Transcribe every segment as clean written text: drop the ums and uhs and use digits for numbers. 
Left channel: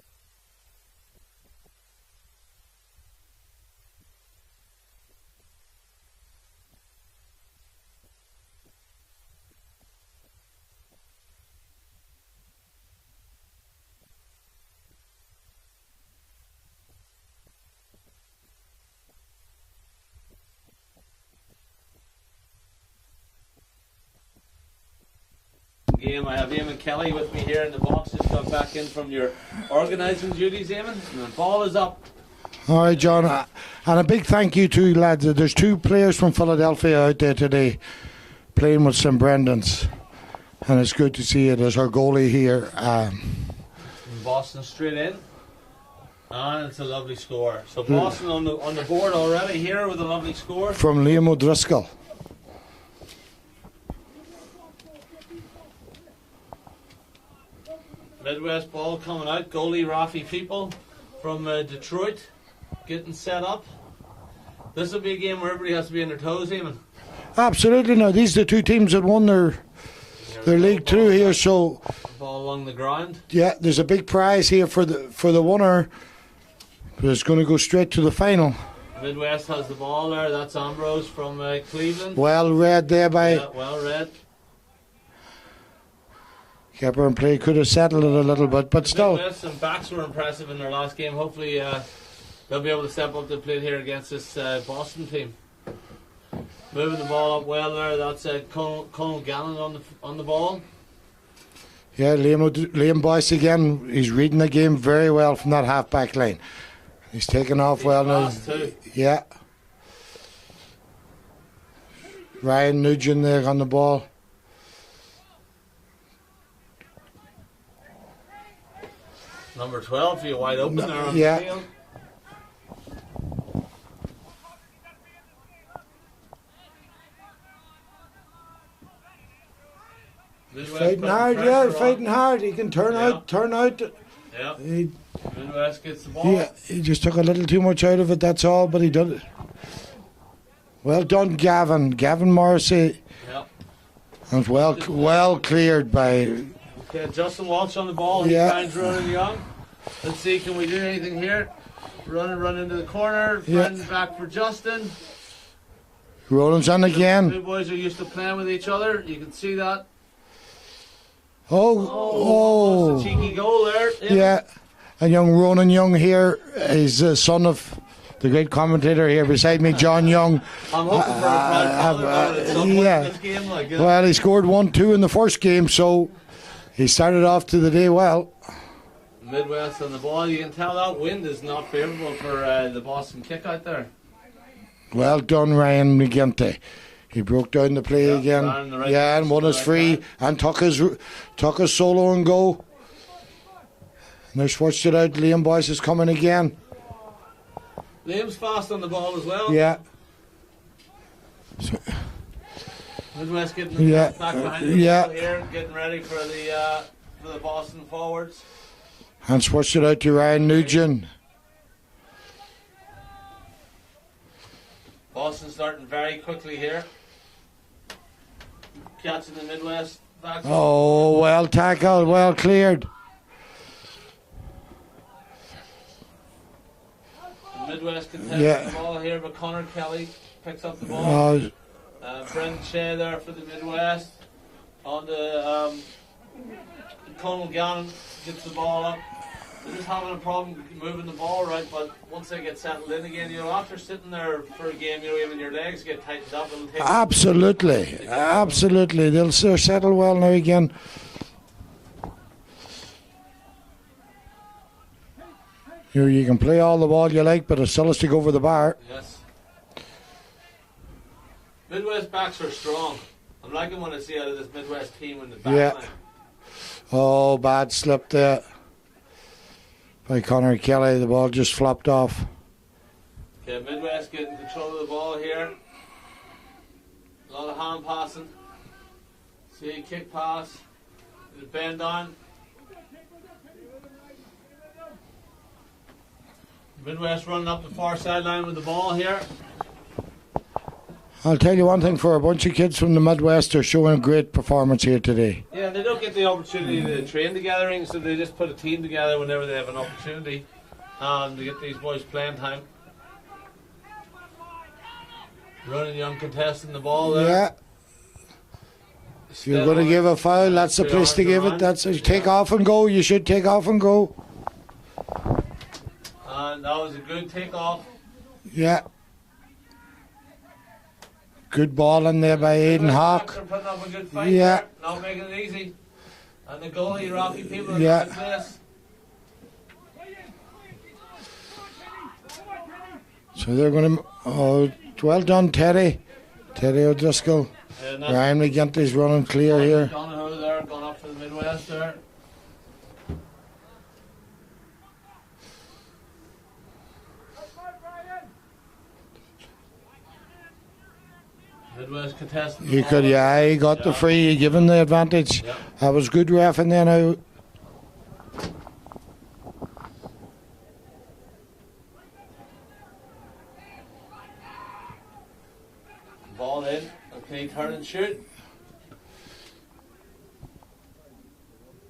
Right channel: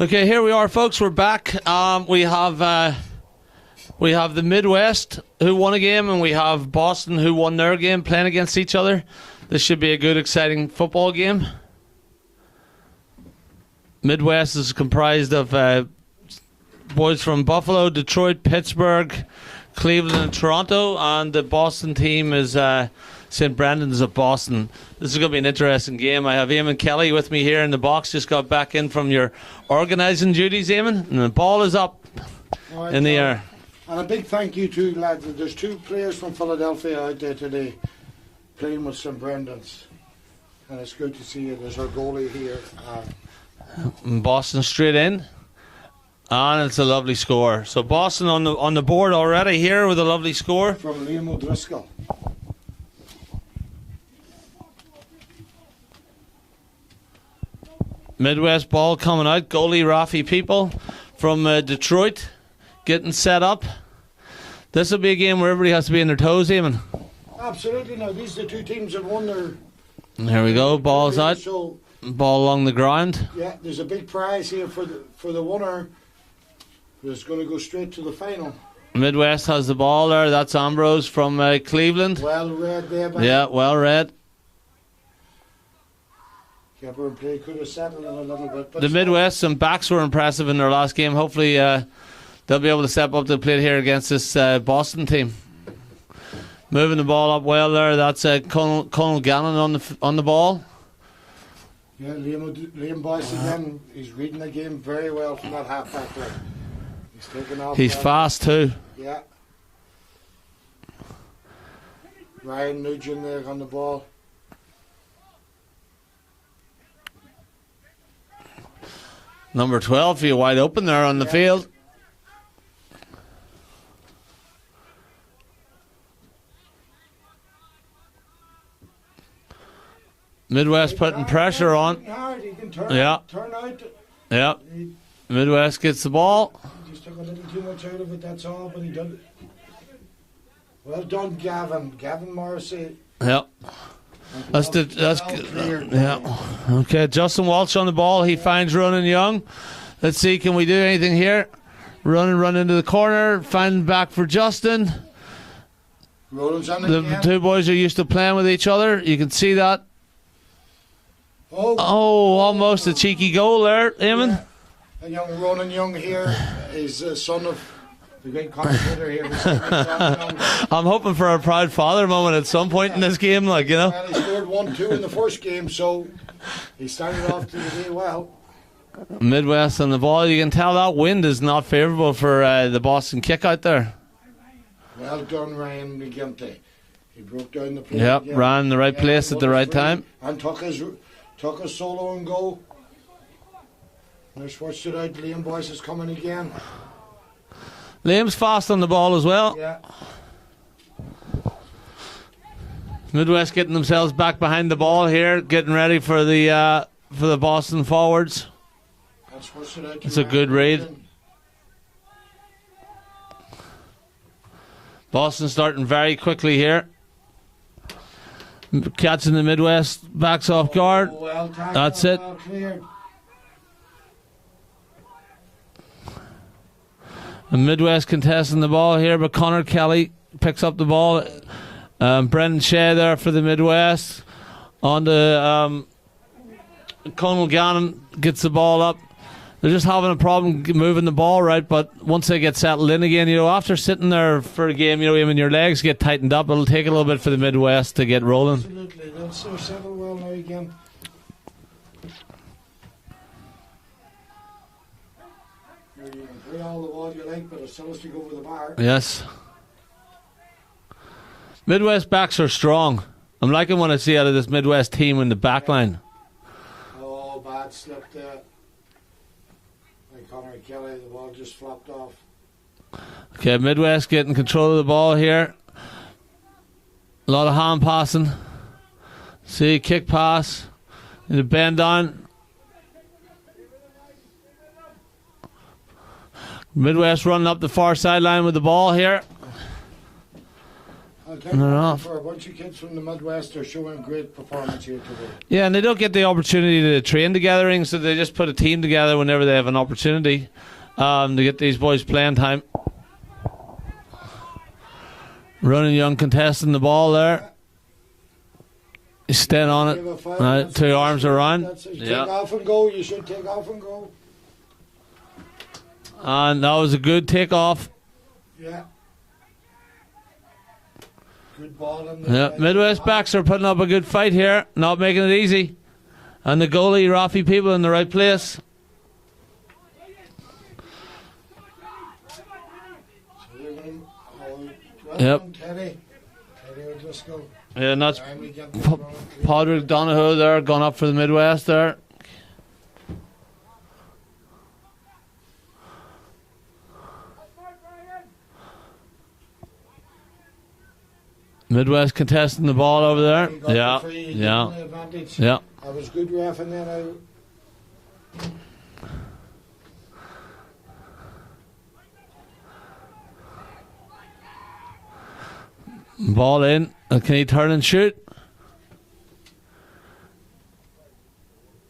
Okay, here we are, folks. We're back. We have the Midwest who won a game, and we have Boston who won their game playing against each other. This should be a good, exciting football game. Midwest is comprised of boys from Buffalo, Detroit, Pittsburgh, Cleveland, and Toronto, and the Boston team is St. Brendan's of Boston. This is going to be an interesting game. I have Eamon Kelly with me here in the box. Just got back in from your organising duties, Eamon, and the ball is up. All right, in John. the air. And a big thank you to lads. There's two players from Philadelphia out there today playing with St. Brendan's, and it's good to see it as our goalie here. Boston straight in, and it's a lovely score. So Boston on the board already here with a lovely score from Liam O'Driscoll. Midwest ball coming out. Goalie Rafi People from Detroit getting set up. This will be a game where everybody has to be on their toes, Eamon. Absolutely. Now these are the two teams that won their. Here we go. Ball's here, out. so ball along the ground. Yeah, there's a big prize here for the winner. But it's going to go straight to the final. Midwest has the ball there. That's Ambrose from Cleveland. Well read there by. Yeah, well read. Keeper and play could have settled it a little bit, but the still. Midwest and backs were impressive in their last game. Hopefully, they'll be able to step up to the plate here against this Boston team. Moving the ball up well there. That's Colonel Gannon on the ball. Yeah, Liam Boyce again. He's reading the game very well from that half-back line. He's taking off. He's well fast now. too. Yeah. Ryan Nugent there on the ball. Number 12, you wide open there on the field. Midwest putting pressure on. Hard. He can turn out. Yeah. Midwest gets the ball. He just took a little too much out of it, that's all, but he did it. Well done, Gavin. Gavin Morrissey. Yep. Well cleared by. Okay, Justin Walsh on the ball. He finds Ronan Young. Let's see, can we do anything here? Run into the corner. Find back for Justin. Ronan's on again. The two boys are used to playing with each other. You can see that. Almost a cheeky goal there, Eamon. Yeah. And young Ronan Young here is the son of the great commentator here beside me, John Young. I'm hoping for a proud father moment at some point in this game, like, you know. Well, he scored 1-2 in the first game, so he started off to the day well. Midwest on the ball. You can tell that wind is not favourable for the Boston kick out there. Well done, Ryan McGinty. He broke down the play again. Ran in the right place at the right time. And took his solo and go. And they switched it out. Liam Boyce is coming again. Liam's fast on the ball as well. Yeah. Midwest getting themselves back behind the ball here, getting ready for the Boston forwards. And switched it out to Ryan Nugent. Boston starting very quickly here. Catching the Midwest backs off guard. Oh, well tackled, well cleared. The Midwest contesting the ball here, but Connor Kelly picks up the ball. Brendan Shea there for the Midwest. On the Colonel Gannon gets the ball up. They're just having a problem moving the ball right, but once they get settled in again, after sitting there for a game, when your legs get tightened up, it'll take a little bit for the Midwest to get rolling. Absolutely, they'll settle well now again. You can play all the ball you like, but it still has to go over the bar. Yes. Midwest backs are strong. I'm liking what I see out of this Midwest team in the back line. Oh, bad slip there by Connor Kelly. The ball just flopped off. Okay, Midwest getting control of the ball here. A lot of hand passing. See, kick pass. And the bend on. Midwest running up the far sideline with the ball here. I'll tell you one thing, for a bunch of kids from the Midwest, they're showing a great performance here today. Yeah, and they don't get the opportunity to train together, so they just put a team together whenever they have an opportunity to get these boys playing time. Running young contesting the ball there. Yeah. You're going to give a foul. That's the place to give around. it. That's take off and go. You should take off and go. And that was a good takeoff. Yeah. Good ball in there by Midwest Aidan backs are putting up a good fight here, not making it easy. And the goalie, Rafi People, in the right place. So they're going to... Oh, well done, Terry. Terry O'Driscoll. Yeah, not Ryan McGinty's running clear Padraig here. Donoghue there, gone up for the Midwest there. Midwest contesting the ball over there. He got the free. He gave him the advantage. Yeah. That was good ref in there now. Ball in. And can he turn and shoot?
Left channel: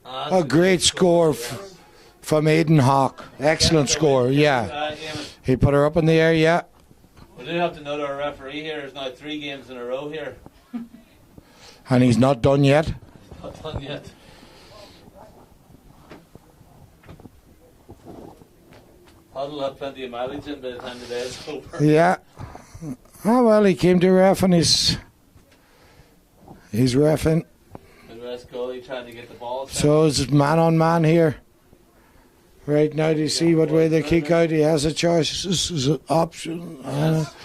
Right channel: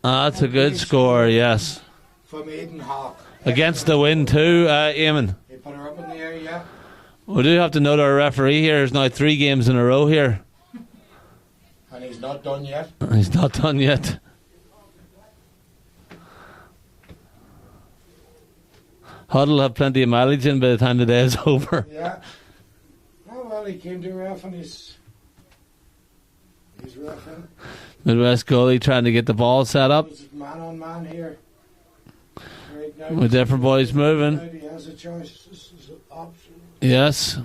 That's a good score, yes. From Aidan Hawk. Against the wind too, Eamon. He put her up in the air, yeah. We do have to note our referee here is now 3 games in a row here. And he's not done yet. He's not done yet. Huddle will have plenty of mileage in by the time the day is over. Yeah. Oh, well, he came to ref and he's reffing. Midwest goalie trying to get the ball set up. So it's man on man here. Right now, you With see different what way boys they moving. kick out. He has a choice. This is an option. Yes.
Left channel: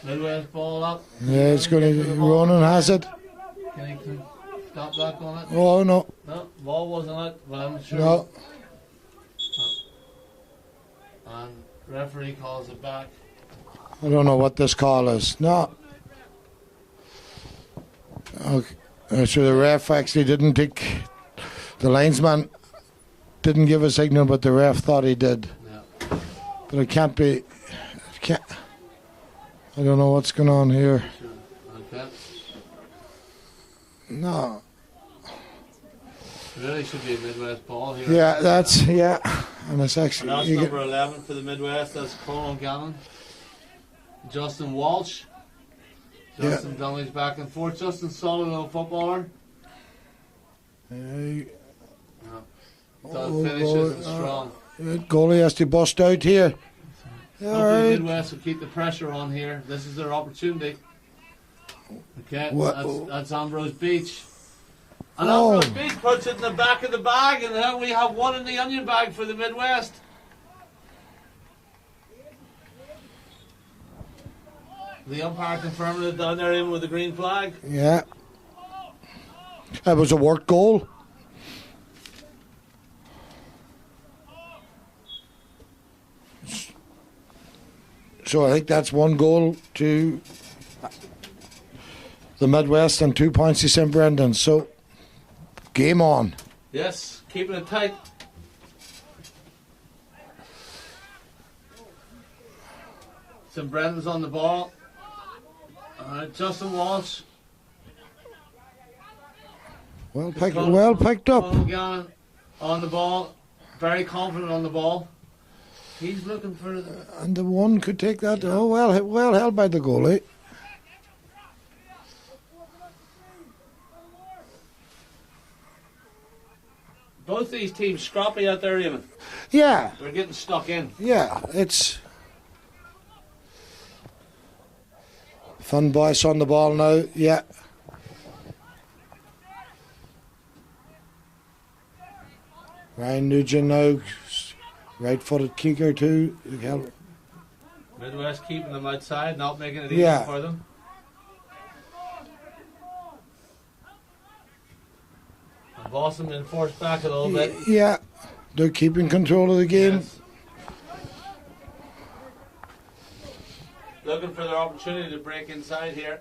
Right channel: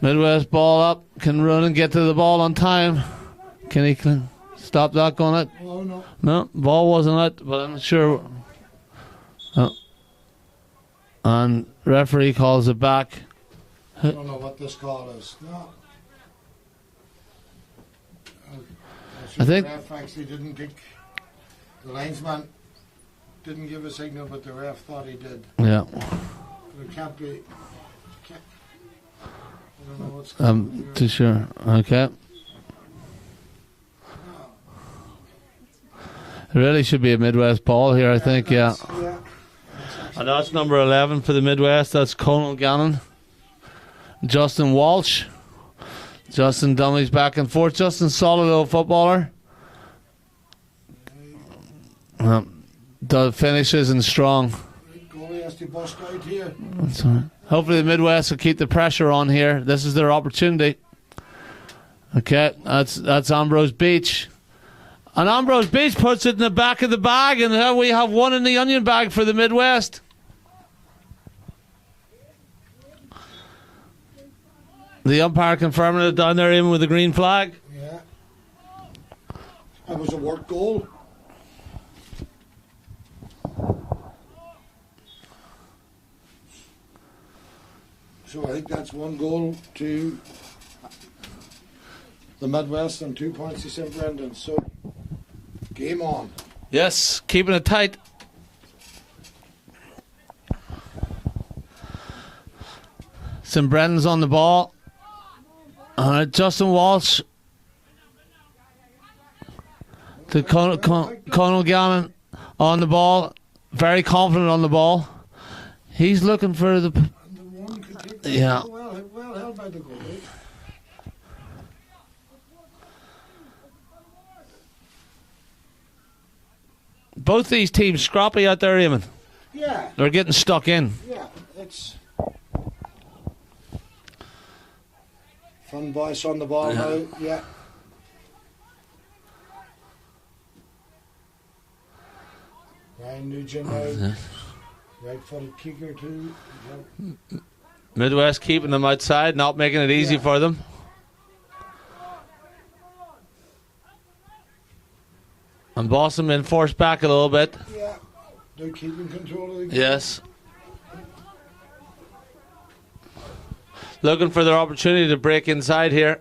Midwest ball up. Can run and get to the ball on time. Can he stop that going out? Oh, no. No, ball wasn't out, but I'm sure. No. Oh. And referee calls it back. I don't know what this call is. No. Okay. So the ref actually didn't take... The linesman didn't give a signal, but the ref thought he did. Yeah. But it can't be... I don't know what's going on here. Too sure. Okay. No. There really should be a Midwest ball here, I think. Yeah. And that's number 11 for the Midwest. That's Conal Gannon. Justin Walsh. Justin dummies back and forth. Justin, solid little footballer. Does finishes and strong. Goalie has to bust out here. That's all right. Hopefully the Midwest will keep the pressure on here. This is their opportunity. Okay, that's Ambrose Beach. And Ambrose Beach puts it in the back of the bag, and now we have one in the onion bag for the Midwest. The umpire confirming it down there, in with the green flag. Yeah. That was a work goal. So I think that's 1 goal to the Midwest and 2 points to St. Brendan. So, game on. Yes, keeping it tight. St. Brendan's on the ball. Justin Walsh. Conal Gannon on the ball. Very confident on the ball. He's looking for the... And the one could take that. Yeah. Well held by the goalie. Both these teams scrappy out there, Eamon. Yeah. They're getting stuck in. Yeah, it's... Fun Boyce on the ball now. Yeah. Ryan Nugent now. Right-footed kicker too. Midwest keeping them outside, not making it easy for them. And Boston been forced back a little bit. Yeah, they're keeping control of the game. Yes. Looking for their opportunity to break inside here.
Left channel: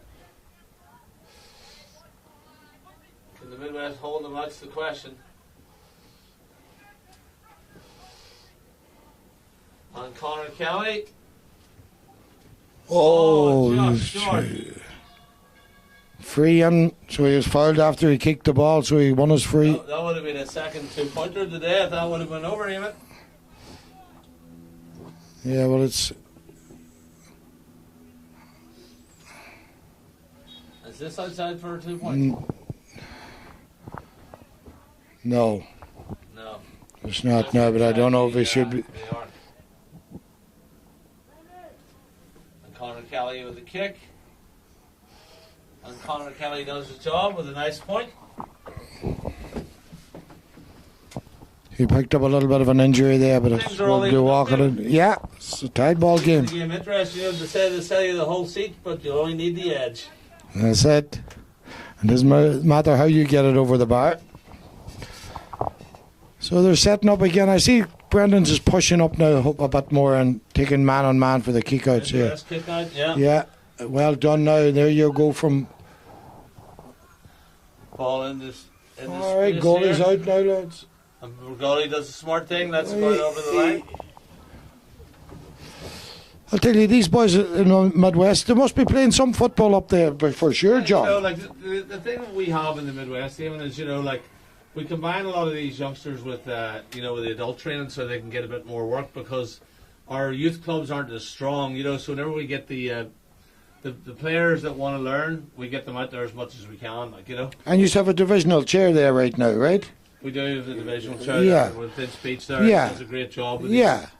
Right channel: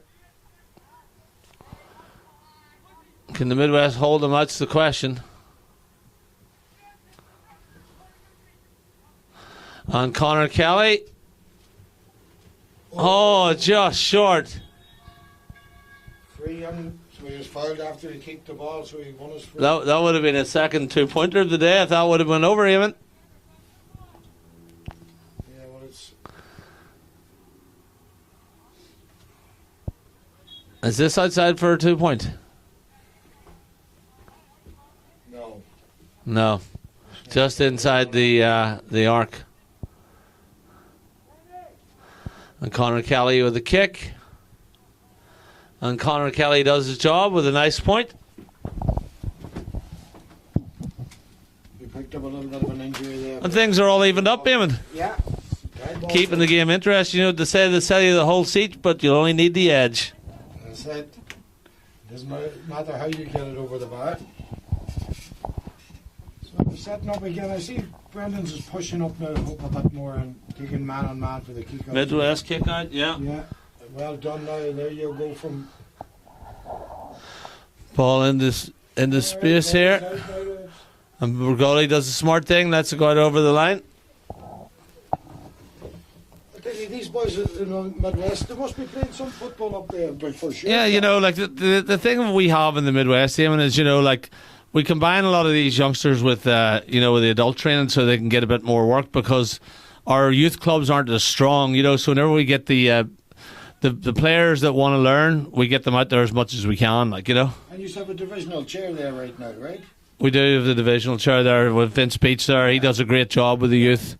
Can the Midwest hold them? That's the question. And Connor Kelly Oh, just short. Free in, so he was fouled after he kicked the ball, so he won his free. That would have been his second 2-pointer of the day. I thought would have went over even. Yeah, well, it's... Is this outside for a 2-point? No. No. It's not, Just no, inside the arc. And Conor Kelly with a kick. And Conor Kelly does his job with a nice point. He picked up a little bit of an injury there. But things are all evened up, Eamon. Yeah, it's a tight ball Keeping game. the game interesting. You know, they say they sell you the whole seat, but you only need the edge. That's it. It doesn't matter how you get it over the bar. So they're setting up again. I see Brendan's is pushing up now a bit more and taking man-on-man for the kick-out. Midwest kick-out, yeah. Yeah, well done now. There you go from... Ball in the space right, here. out now, lads. And Burgoli does a smart thing. That's going over the line. I'll tell you, these boys in the Midwest, they must be playing some football up there for sure. Yeah, John. you know, like the thing we have in the Midwest, Eamon, is, you know, like we combine a lot of these youngsters with, you know, with the adult training so they can get a bit more work because our youth clubs aren't as strong, you know. So whenever we get the players that want to learn, we get them out there as much as we can, like, you know. And you have a divisional chair there right now, right? We do have the divisional chair there with Vince Beach there. Yeah. He does a great job with the youth.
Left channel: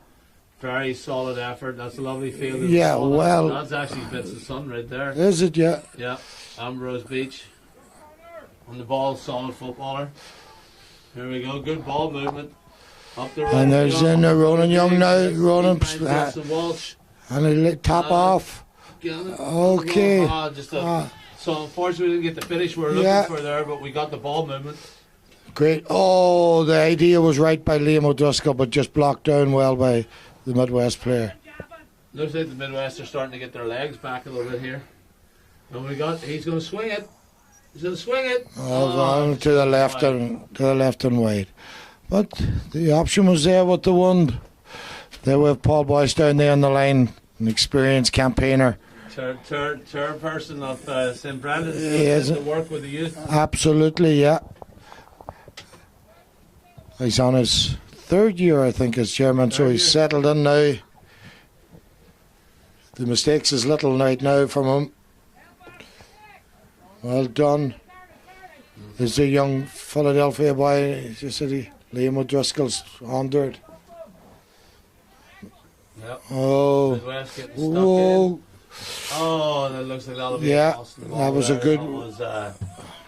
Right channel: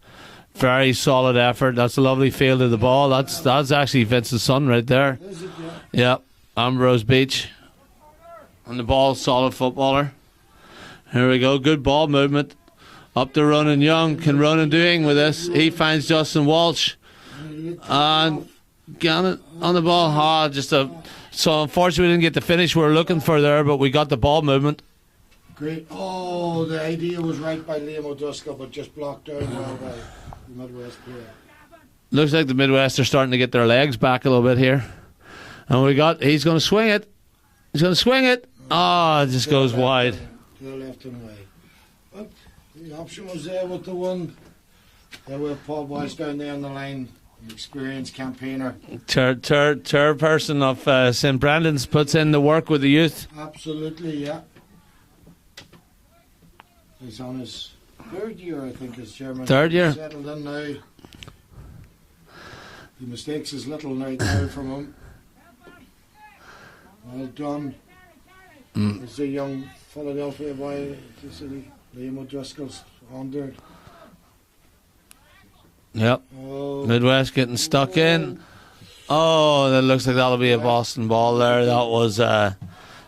Very solid effort. That's a lovely field of the ball. That's actually Vince's son right there. Is it? Yeah. Yeah. Ambrose Beach. And the ball, solid footballer. Here we go. Good ball movement. Up to Ronan Young. And Ronan Young with this. He finds Justin Walsh. And he top off. Gannon on the ball. So unfortunately we didn't get the finish we were looking for there, but we got the ball movement. Great. Oh, the idea was right by Liam O'Driscoll, but just blocked down well by the Midwest player. Looks like the Midwest are starting to get their legs back a little bit here. And he's going to swing it. He's going to swing it. It just goes wide. To the left and wide. But the option was there with the one. There with Paul Boyce down there on the line, an experienced campaigner. Chairperson of St. Brendan's puts in the work with the youth. Absolutely, yeah. He's on his third year, I think, as chairman, so he's settled in now. The mistakes is little right now from him. Well done. There's a young Philadelphia boy, you said Liam O'Driscoll's under it. Yep. Oh. Midwest getting stuck in. Oh, that looks like that'll be a Boston ball there.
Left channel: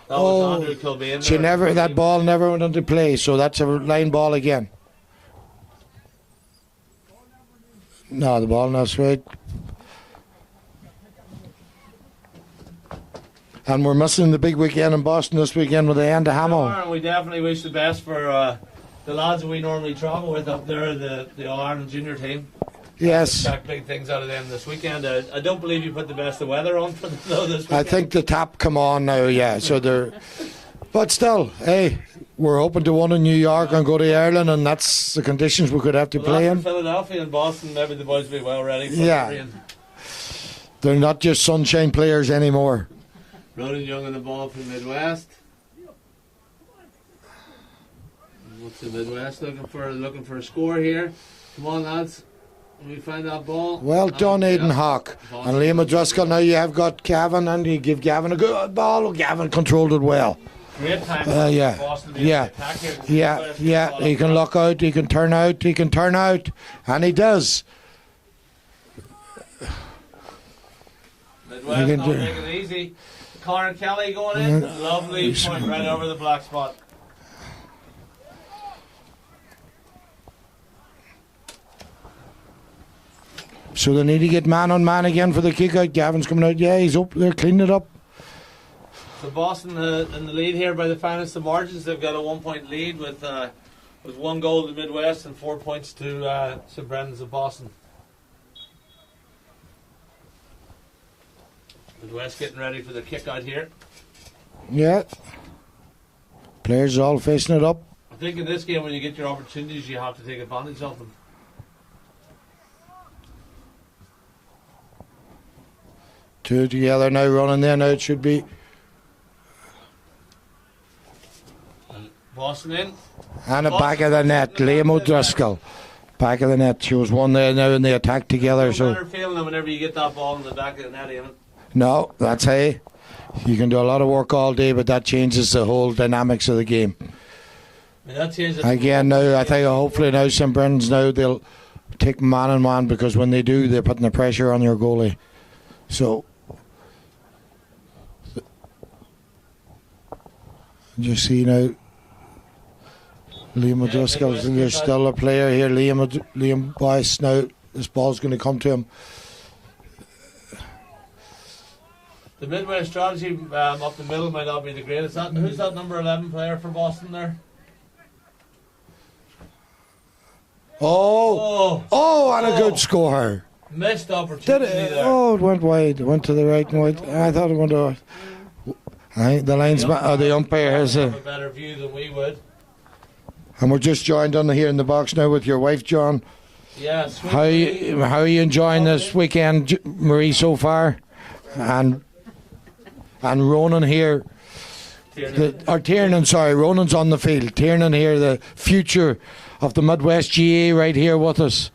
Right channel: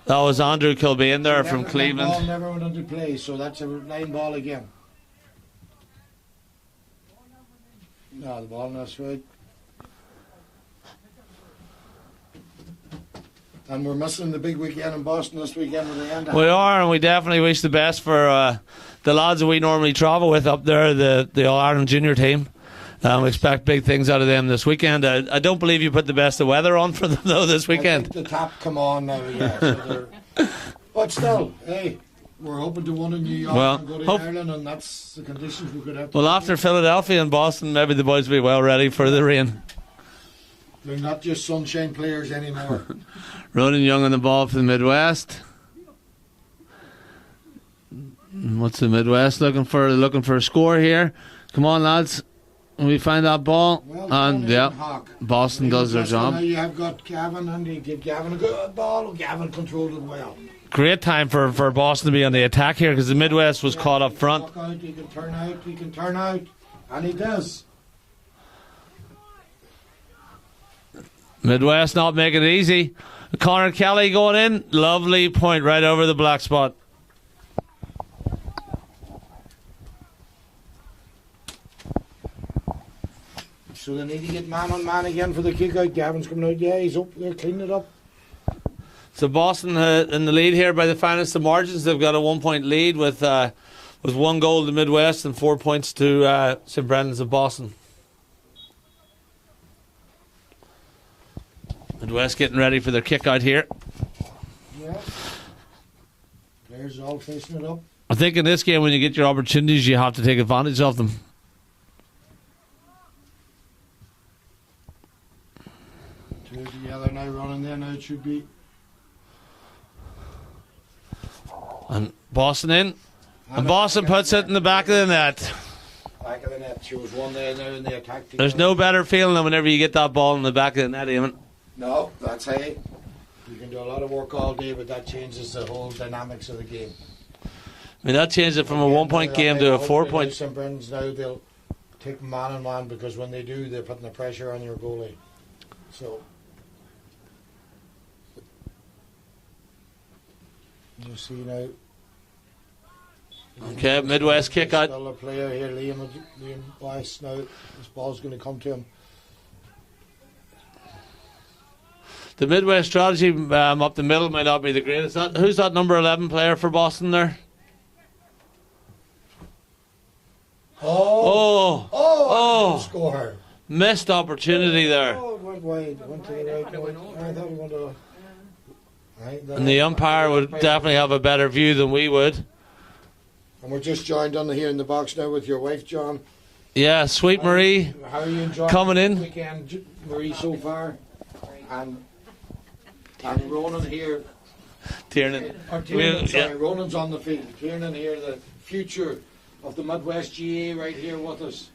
That was Andrew Kilbane there from Cleveland. That ball never went into play, so that's a line ball again. No, the ball not straight. And we're missing the big weekend in Boston this weekend with the end of Hamilton. We are, and we definitely wish the best for the lads that we normally travel with up there, the All-Ireland junior team. We expect big things out of them this weekend. I don't believe you put the best of weather on for them, though, this weekend. I think the tap come on now, yeah. So they're, but still, hey, we're hoping to win in New York and go to Ireland, and that's the conditions we could have to play after in. Philadelphia and Boston, maybe the boys will be well ready for the rain. They're not just sunshine players anymore. Ronan Young on the ball for the Midwest. What's the Midwest looking for? They're looking for a score here. Come on, lads. We find that ball. Well done, Aidan Hawk. Boston and Liam does O'Driscoll. Now you have got Gavin, and you give Gavin a good ball. Gavin controlled it well. Great time for Boston to be on the attack here because the Midwest was caught up front. He can look out, he can turn out, he can turn out, and he does. Midwest not making it easy. Conor Kelly going in. Lovely point right over the black spot. So they need to get man on man again for the kick out. Gavin's coming out. Yeah, he's up there cleaning it up. So Boston in the lead here by the finest of margins. They've got a 1 point lead with 1 goal to the Midwest and 4 points to St. Brendan's of Boston. Midwest getting ready for their kick out here. Yeah. Players all facing it up. I think in this game when you get your opportunities you have to take advantage of them. Two together now, running there now. It should be. And Boston in. And Boston back of puts the it net. in the back of the net. O'Driscoll. Back of the net. She was one there now in the attack together. There's no better feeling than whenever you get that ball in the back of the net, Eamon. No, that's how. You can do a lot of work all day, but that changes the whole dynamics of the game. I mean, that changes it from Again, a 1 point I game think to a hopefully 4 now point. St. Brendan's now they'll take man on man, because when they do, they're putting the pressure on your goalie. So you see now, Liam Okay, O'Driscoll Midwest is kick out. still a player here. Liam Boyce now. This ball's going to come to him. The Midwest strategy up the middle might not be the greatest. Who's that number 11 player for Boston there? Oh, and a good score. Missed opportunity there. Oh, it went wide. It went to the right and wide. I thought it went to. The The linesman, umpire would umpires definitely here. have a better view than we would. And we're just joined on here in the box now with your wife, John. Yeah, Sweet How Marie. how are you enjoying coming this in. weekend, Marie, so far? And Ronan here. Tiernan. Tiernan, sorry, Ronan's on the field. Tiernan here, the future of the Midwest GA, right here with us.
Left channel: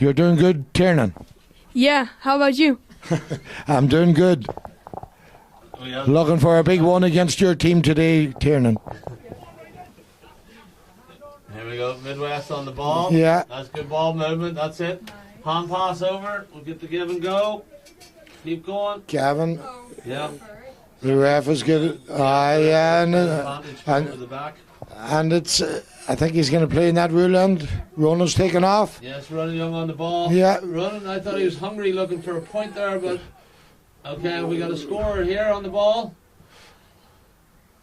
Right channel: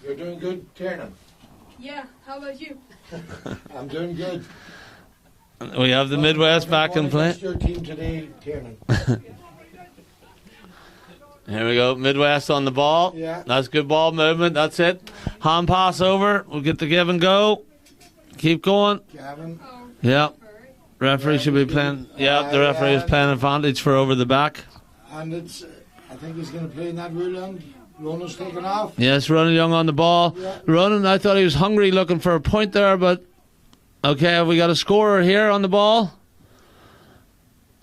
You're doing good, Tiernan. Yeah, how about you? I'm doing good. We have the Looking for a Midwest big back one in play. against your team today, Tiernan. Here we go, Midwest on the ball. Yeah. That's good ball movement. That's it. Hand pass over. We'll get the give and go. Keep going. Gavin. Yeah. Referee ref should is be giving- playing. Yeah, the referee yeah, is playing and, advantage for and- over the back. And it's, I think he's going to play in that rule end. Ronan's taking off. Yes, Ronan Young on the ball. Yeah. Ronan, I thought he was hungry looking for a point there, but okay, we got a scorer here on the ball.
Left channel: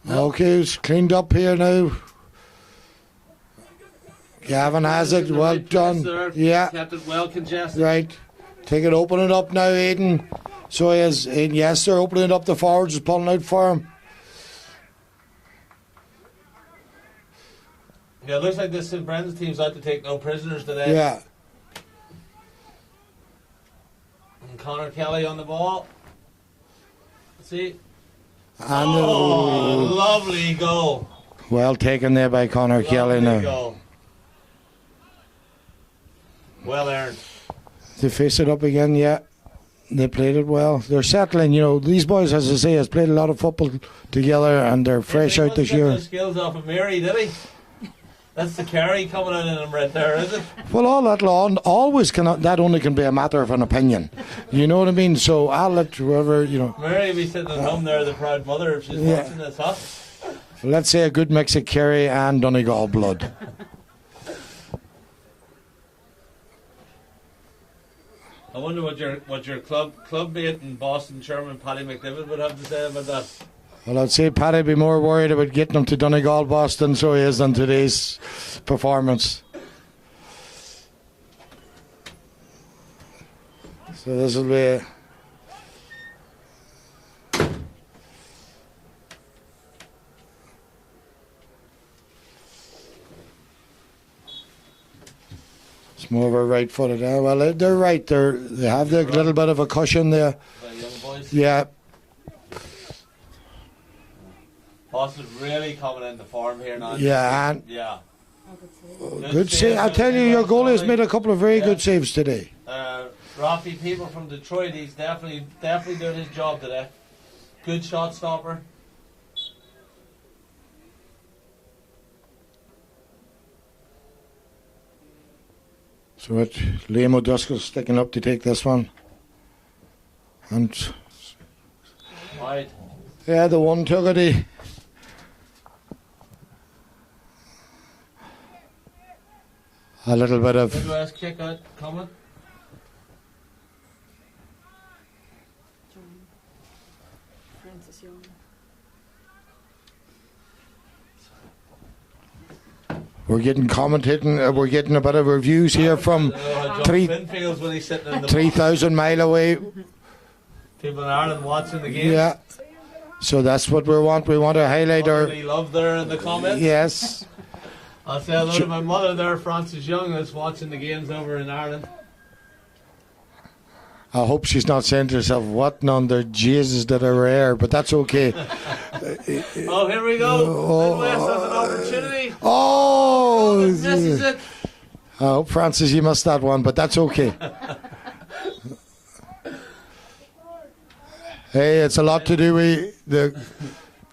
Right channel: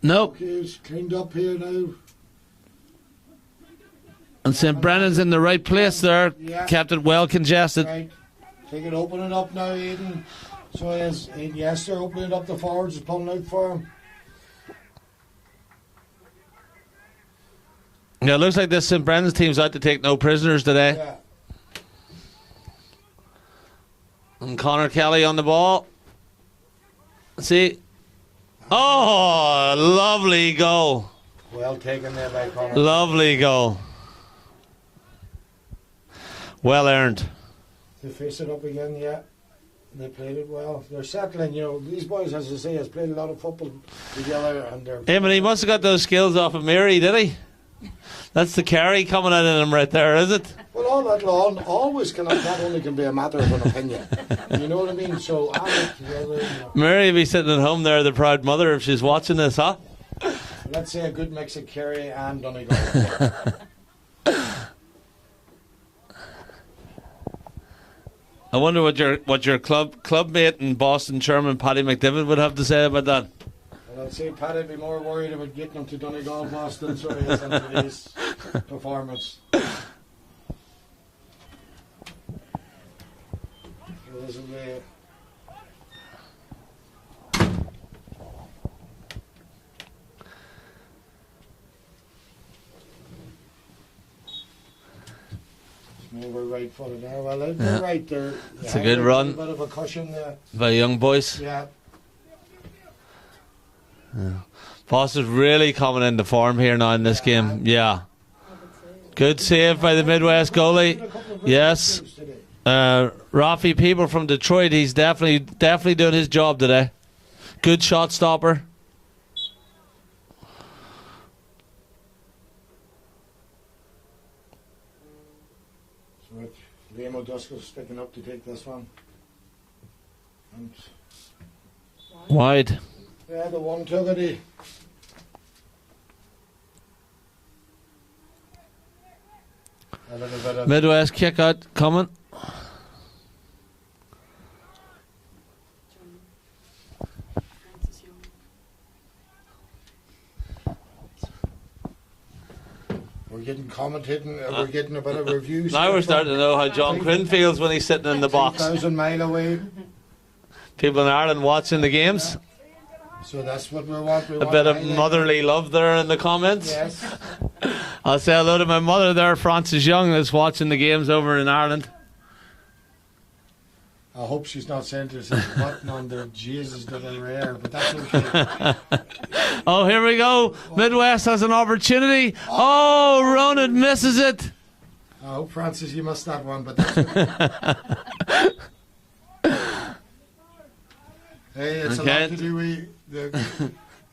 No. Okay, it's cleaned up here now. And St. Gavin has Brennan's it, in the well right place done. there. Yeah. Kept it well congested. Right. Take it, open it up now, Aiden. So is Aiden, yes, they're opening it up. The forwards is pulling out for him. Yeah, it looks like this St. Brennan's team's out to take no prisoners today. Yeah. And Connor Kelly on the ball. See. Oh, lovely goal. Well taken there by Connor Kelly. Lovely now. goal. Well earned. They face it up again, yeah. They played it well. They're settling, you know. These boys, as I say, has played a lot of football together, and they're Hey, but fresh he out must have this got year. those skills off of Mary, did he? That's the carry coming in him right there, is it? Well, all that always cannot. That only can be a matter of an opinion. You know what I mean? So I'll let whoever, you know. Mary will be sitting at home there, the proud mother, if she's Yeah. watching this, huh? Let's say a good mix of Kerry and Donegal blood. I wonder what your clubmate in Boston, Chairman Paddy McDivitt, would have to say about that. Well, I'd say Paddy be more worried about getting him to Donegal, Boston, so he is on today's performance. So this will be. It's more of a right-footed. Well, they're right. They have good a run. little bit of a cushion there. By young boys. Yeah. Foster's really coming into form here now in this Yeah, game. and- Yeah. Good Good save by I'll the tell you, Midwest your goalie's goalie. made a couple of very Yes. good saves today. Rafi People from Detroit, he's definitely doing his job today. Good shot stopper. So it, Liam O'Driscoll sticking up to take this one. And Wide. yeah, the one took it. A little bit of Midwest kick out coming. we're getting commentating. We're getting a bit of reviews Now here we're starting from to know how John three- Quinn feels when he's sitting in the box. 3,000 mile away. People in Ireland watching the games. Yeah. So that's what we want. We A want bit to of highlight our, motherly love there in the comments. yes. I'll say hello to my mother there, Frances Young, that's watching the games over in Ireland. I hope she's not saying to herself, what under Jesus did I wear? But that's okay. Oh, here we go. Midwest has an opportunity. Oh, Ronan misses it. I hope, Francis, you missed that one, but that's okay. Hey, it's a lot to do with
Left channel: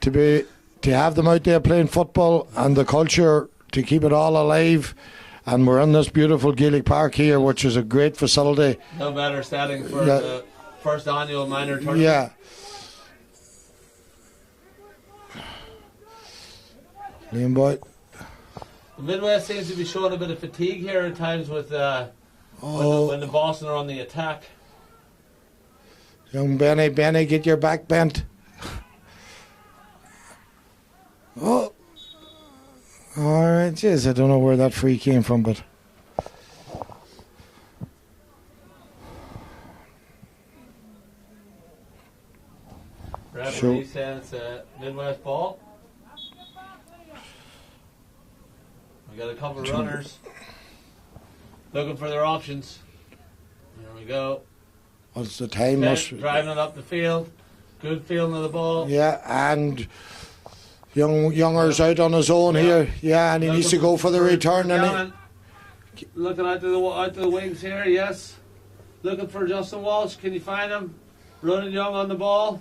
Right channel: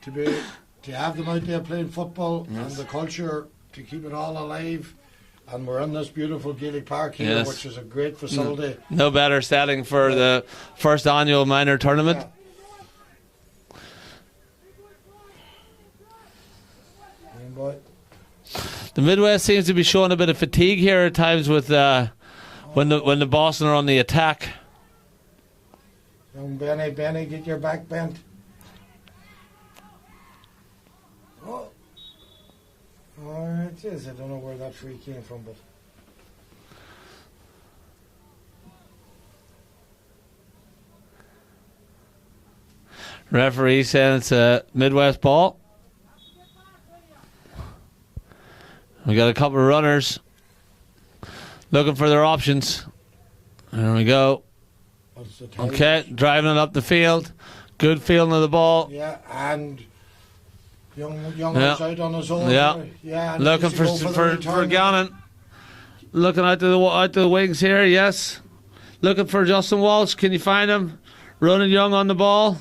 to have them out there playing football and the culture to keep it all alive. And we're in this beautiful Gaelic Park here, which is a great facility. No better setting for the first annual minor tournament. Yeah. Liam Boyd. The Midwest seems to be showing a bit of fatigue here at times with when the Boston are on the attack. Young Benny, get your back bent. Oh. All right, jeez, I don't know where that free came from, but... Referee saying it's a Midwest ball. We got a couple of runners looking for their options. There we go. What's the time? Okay, driving it up the field. Good feeling of the ball. Yeah, and Younger's out on his own here. Yeah, and he needs to go for the return. Looking out to the wings here, yes. Looking for Justin Walsh. Can you find him? Ronan Young on the ball.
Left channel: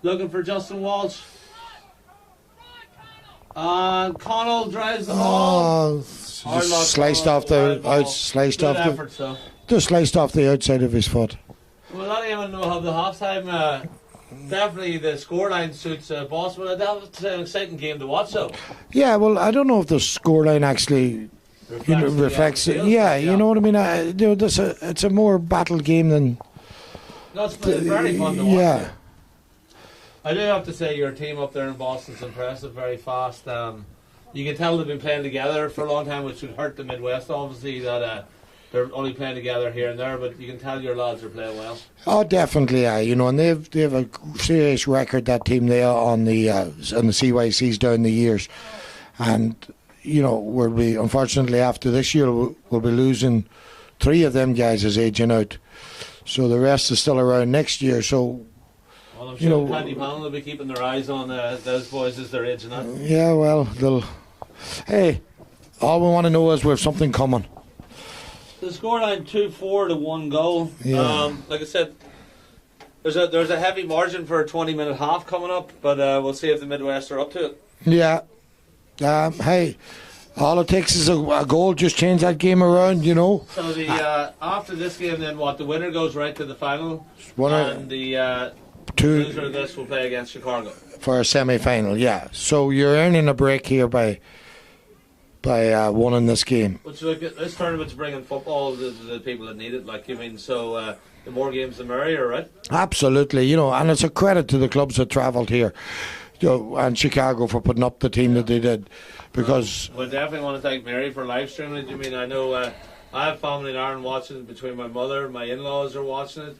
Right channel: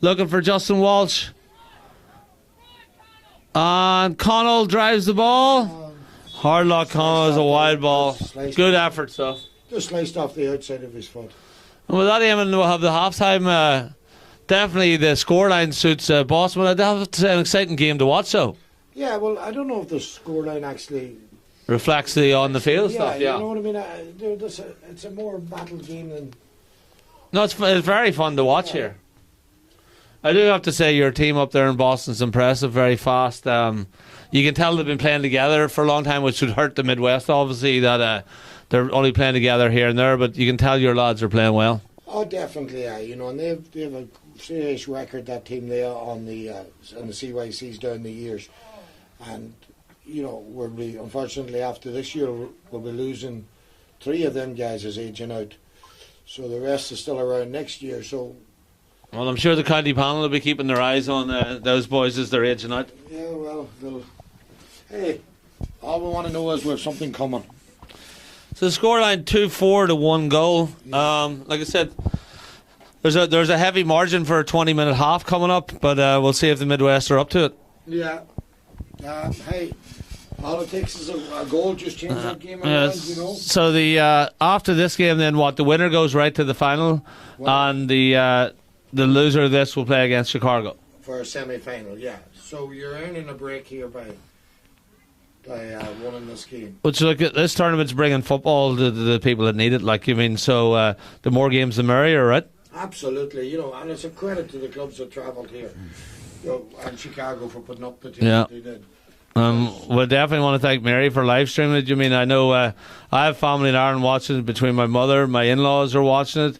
Looking for Justin Walsh. And Connell drives the ball. Hard luck, Connell, a wide ball. Good effort, so. Just sliced off the outside of his foot. Well, that aiming will have the halftime. Definitely the scoreline suits Boston. But that's an exciting game to watch, so. Yeah, well, I don't know if the scoreline actually reflects on the field. Yeah, you know what I mean. It's a more battle game than. No, it's very fun to watch here. I do have to say your team up there in Boston's impressive, very fast. You can tell they've been playing together for a long time, which would hurt the Midwest, obviously, that they're only playing together here and there, but you can tell your lads are playing well. Oh, definitely, and they have a serious record, that team there on the CYCs down the years, and we'll be, unfortunately, after this year we'll be losing 3 of them guys as aging out, so the rest is still around next year. So, well, I'm sure the county panel will be keeping their eyes on those boys as they're aging out. Yeah, well, hey, all we want to know is we have something coming. So the scoreline 2-4 to 1 goal. Yeah. Like I said, there's a heavy margin for a 20-minute half coming up, but we'll see if the Midwest are up to it. Yeah. Hey, all it takes is a goal, just change that game around, So the after this game, then the winner goes right to the final, and the loser of this will play against Chicago for a semi-final. Yeah. So you're earning a break here by winning this game. Which, look, this tournament's bringing football to the people that need it. So the more games, the merrier, right? Absolutely, and it's a credit to the clubs that travelled here, and Chicago for putting up the team that they did. Because we definitely want to thank Mary for live streaming it. I know I have family in Ireland watching it. Between my mother, my in-laws are watching it.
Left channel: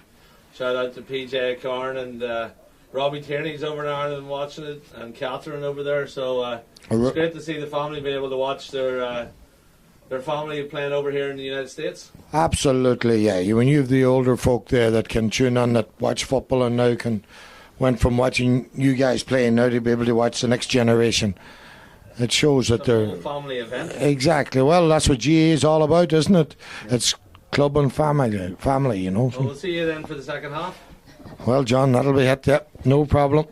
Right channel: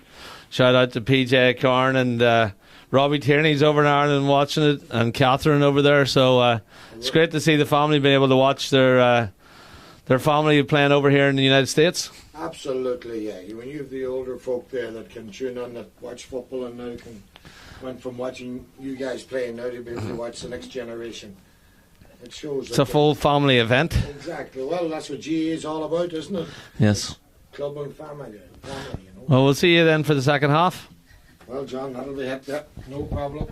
Shout out to PJ Carn and Robbie Tierney's over in Ireland watching it, and Catherine over there. So it's great to see the family being able to watch their family playing over here in the United States. Absolutely, yeah. When you have the older folk there that can tune in, that watch football, and now went from watching you guys playing now to be able to watch the next generation. It shows it's that a full family event. Exactly. Well, that's what GA is all about, isn't it? Yes. It's club and family, Well, we'll see you then for the second half. Well, John, that'll be it. Yeah, no problem.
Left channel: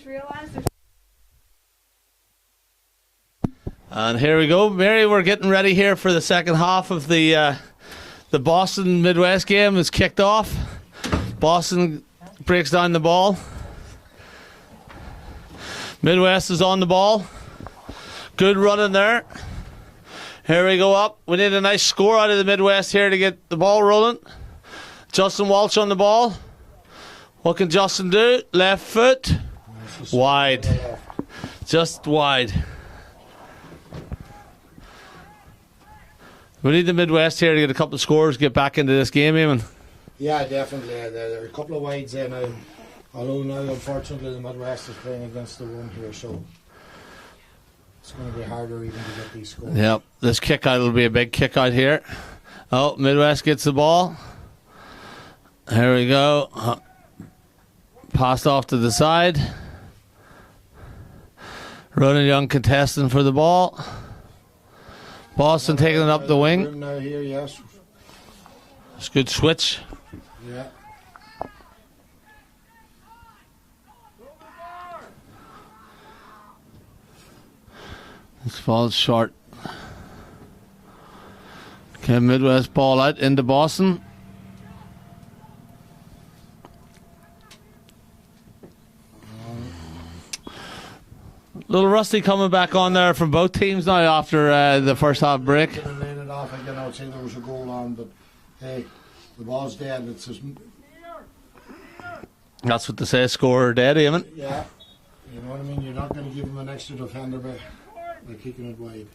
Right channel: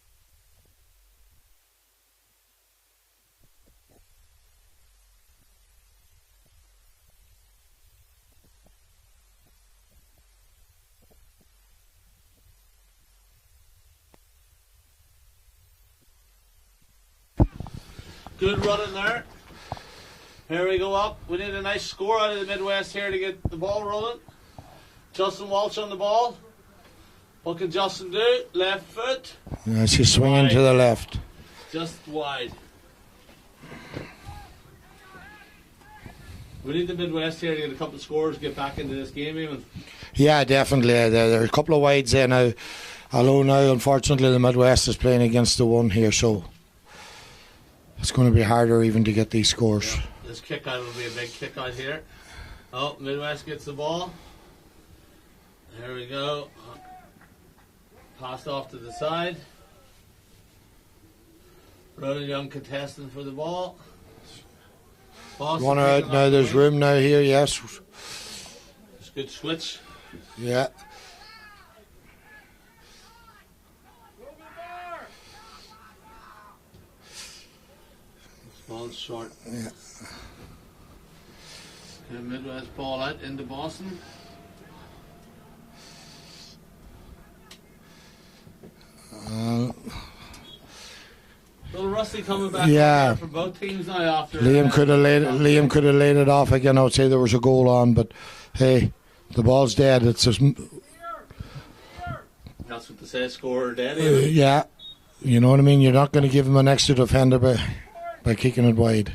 just realised. And here we go, Mary. We're getting ready here for the second half of the Boston Midwest game. Is kicked off. Boston breaks down the ball. Midwest is on the ball. Good running there. Here we go up. We need a nice score out of the Midwest here to get the ball rolling. Justin Walsh on the ball. What can Justin do? Left foot. Yeah, she's swinging to the left. Just wide. We need the Midwest here to get a couple of scores, get back into this game, Eamon. Yeah, definitely. There are a couple of wides there now. Although now, unfortunately, the Midwest is playing against the one here, so it's going to be harder even to get these scores. Yep, this kick out will be a big kick out here. Oh, Midwest gets the ball. Here we go. Passed off to the side. Ronan Young contesting for the ball. Boston taking it up the wing. Room now here, yes. It's a good switch. Yeah. This falls short. Okay, Midwest ball out into Boston. Little rusty coming back on there from both teams now after the first half break. Liam could have laid it off again. I would say there was a goal on, but hey, the ball's dead. It's just that's what they say, score dead, Eamon. Yeah, you know what I mean. You're not going to give him an extra defender by kicking it wide.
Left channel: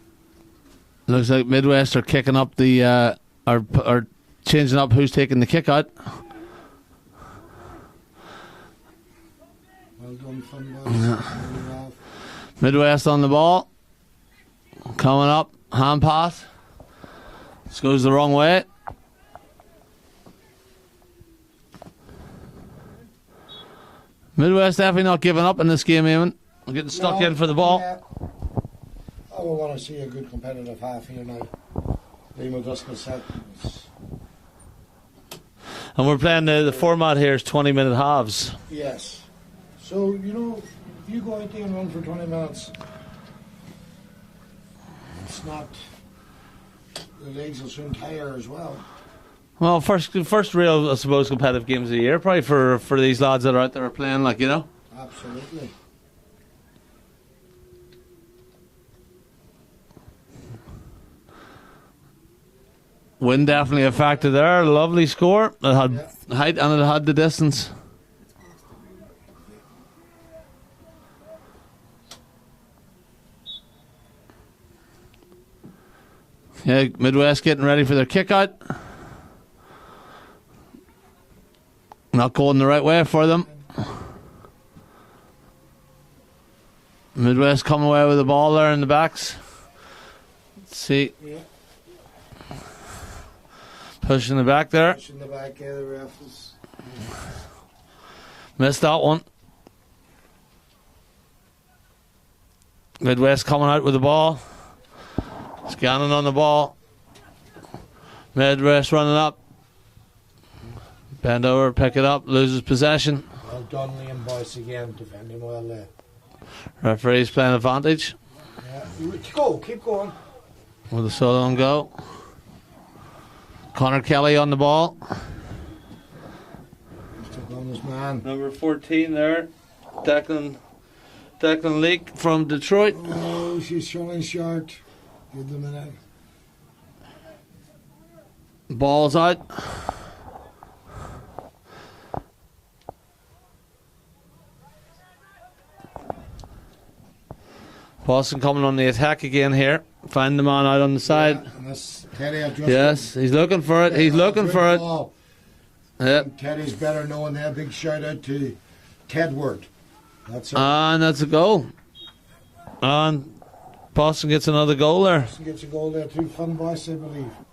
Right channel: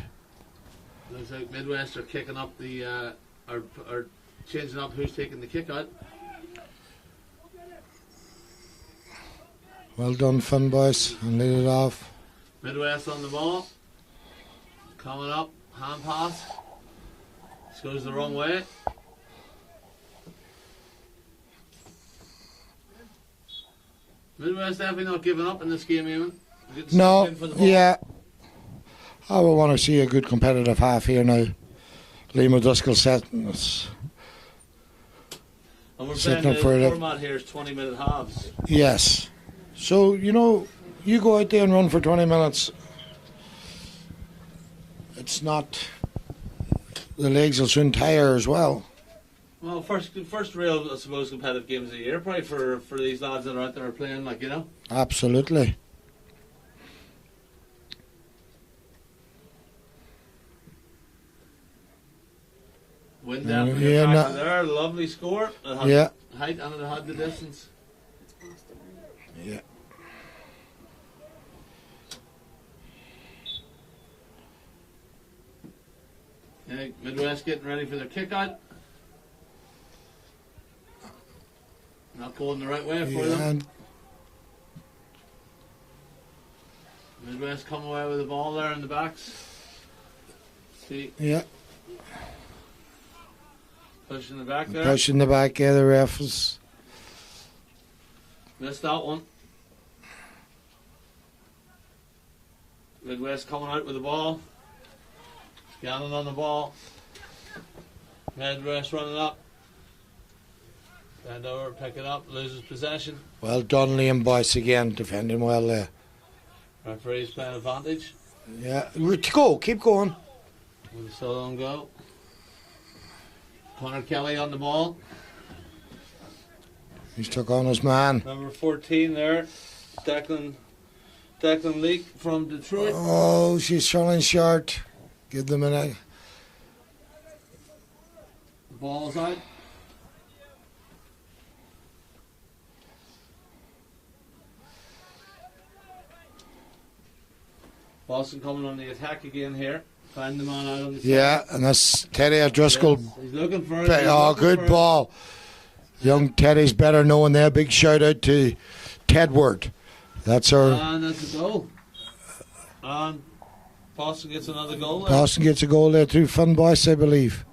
Looks like Midwest are kicking up the are changing up who's taking the kick out. Well done, fun boys. Laid it off. Midwest on the ball. Coming up. Hand pass. This goes the wrong way. Midwest definitely not giving up in this game, Eamon. We're getting stuck in for the ball. Yeah. I would want to see a good competitive half here now. Liam O'Driscoll set. And we're playing the format here is 20-minute halves. Yes. So, you know, you go out there and run for 20 minutes. It's not... The legs will soon tire as well. Well, first real, I suppose, competitive games of the year, probably for these lads that are out there playing, like, you know? Absolutely. Wind definitely a factor there. Lovely score. It had height and it had the distance. Yeah. Yeah, Midwest getting ready for their kick out. Not going the right way for them. Midwest coming away with the ball there in the backs. Let's see. Yeah. Pushing the back there. Pushing the back, the ref is... Missed that one. Midwest coming out with the ball. Scanning on the ball. Midwest running up. Bend over, pick it up, loses possession. Well done, Liam Boyce again, defending well there. Referee's playing advantage. Yeah, go, keep going. With a solo on go. Connor Kelly on the ball. He's took on his man. Number 14 there. Declan Leake from Detroit. Oh, she's falling short. Give them an egg. Ball's out. Boston coming on the attack again here. Find the man out on the side. Yeah, and that's Teddy O'Driscoll. Yes, he's looking for it. He's looking good for ball. it. Young Teddy's better known there. Big shout out to Tedward. That's our. And that's a goal. And Boston gets another goal there. Boston gets a goal there through Fun Boyce, I believe.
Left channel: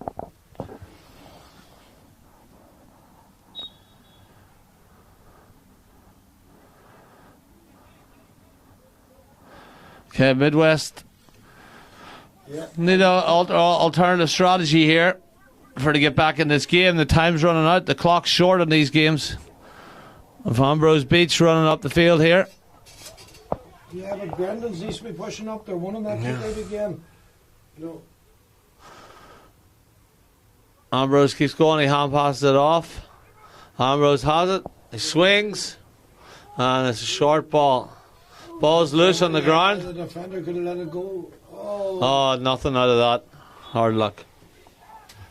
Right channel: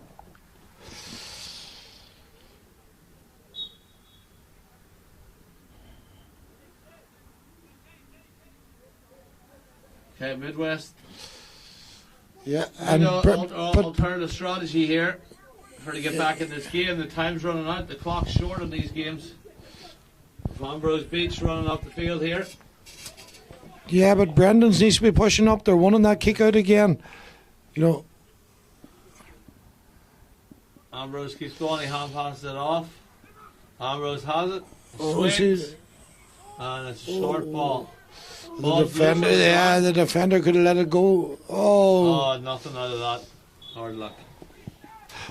Okay, Midwest. Yeah. Need an alternative strategy here to get back in this game. The time's running out. The clock's short on these games. Van Bros Beach running up the field here. Yeah, but Brendan's needs to be pushing up. They're winning that kick out again. You know. Ambrose keeps going. He hand passes it off. Ambrose has it. He swings. And it's a short ball. Ball's loose on the ground. The defender could have let it go. Oh, nothing out of that. Hard luck.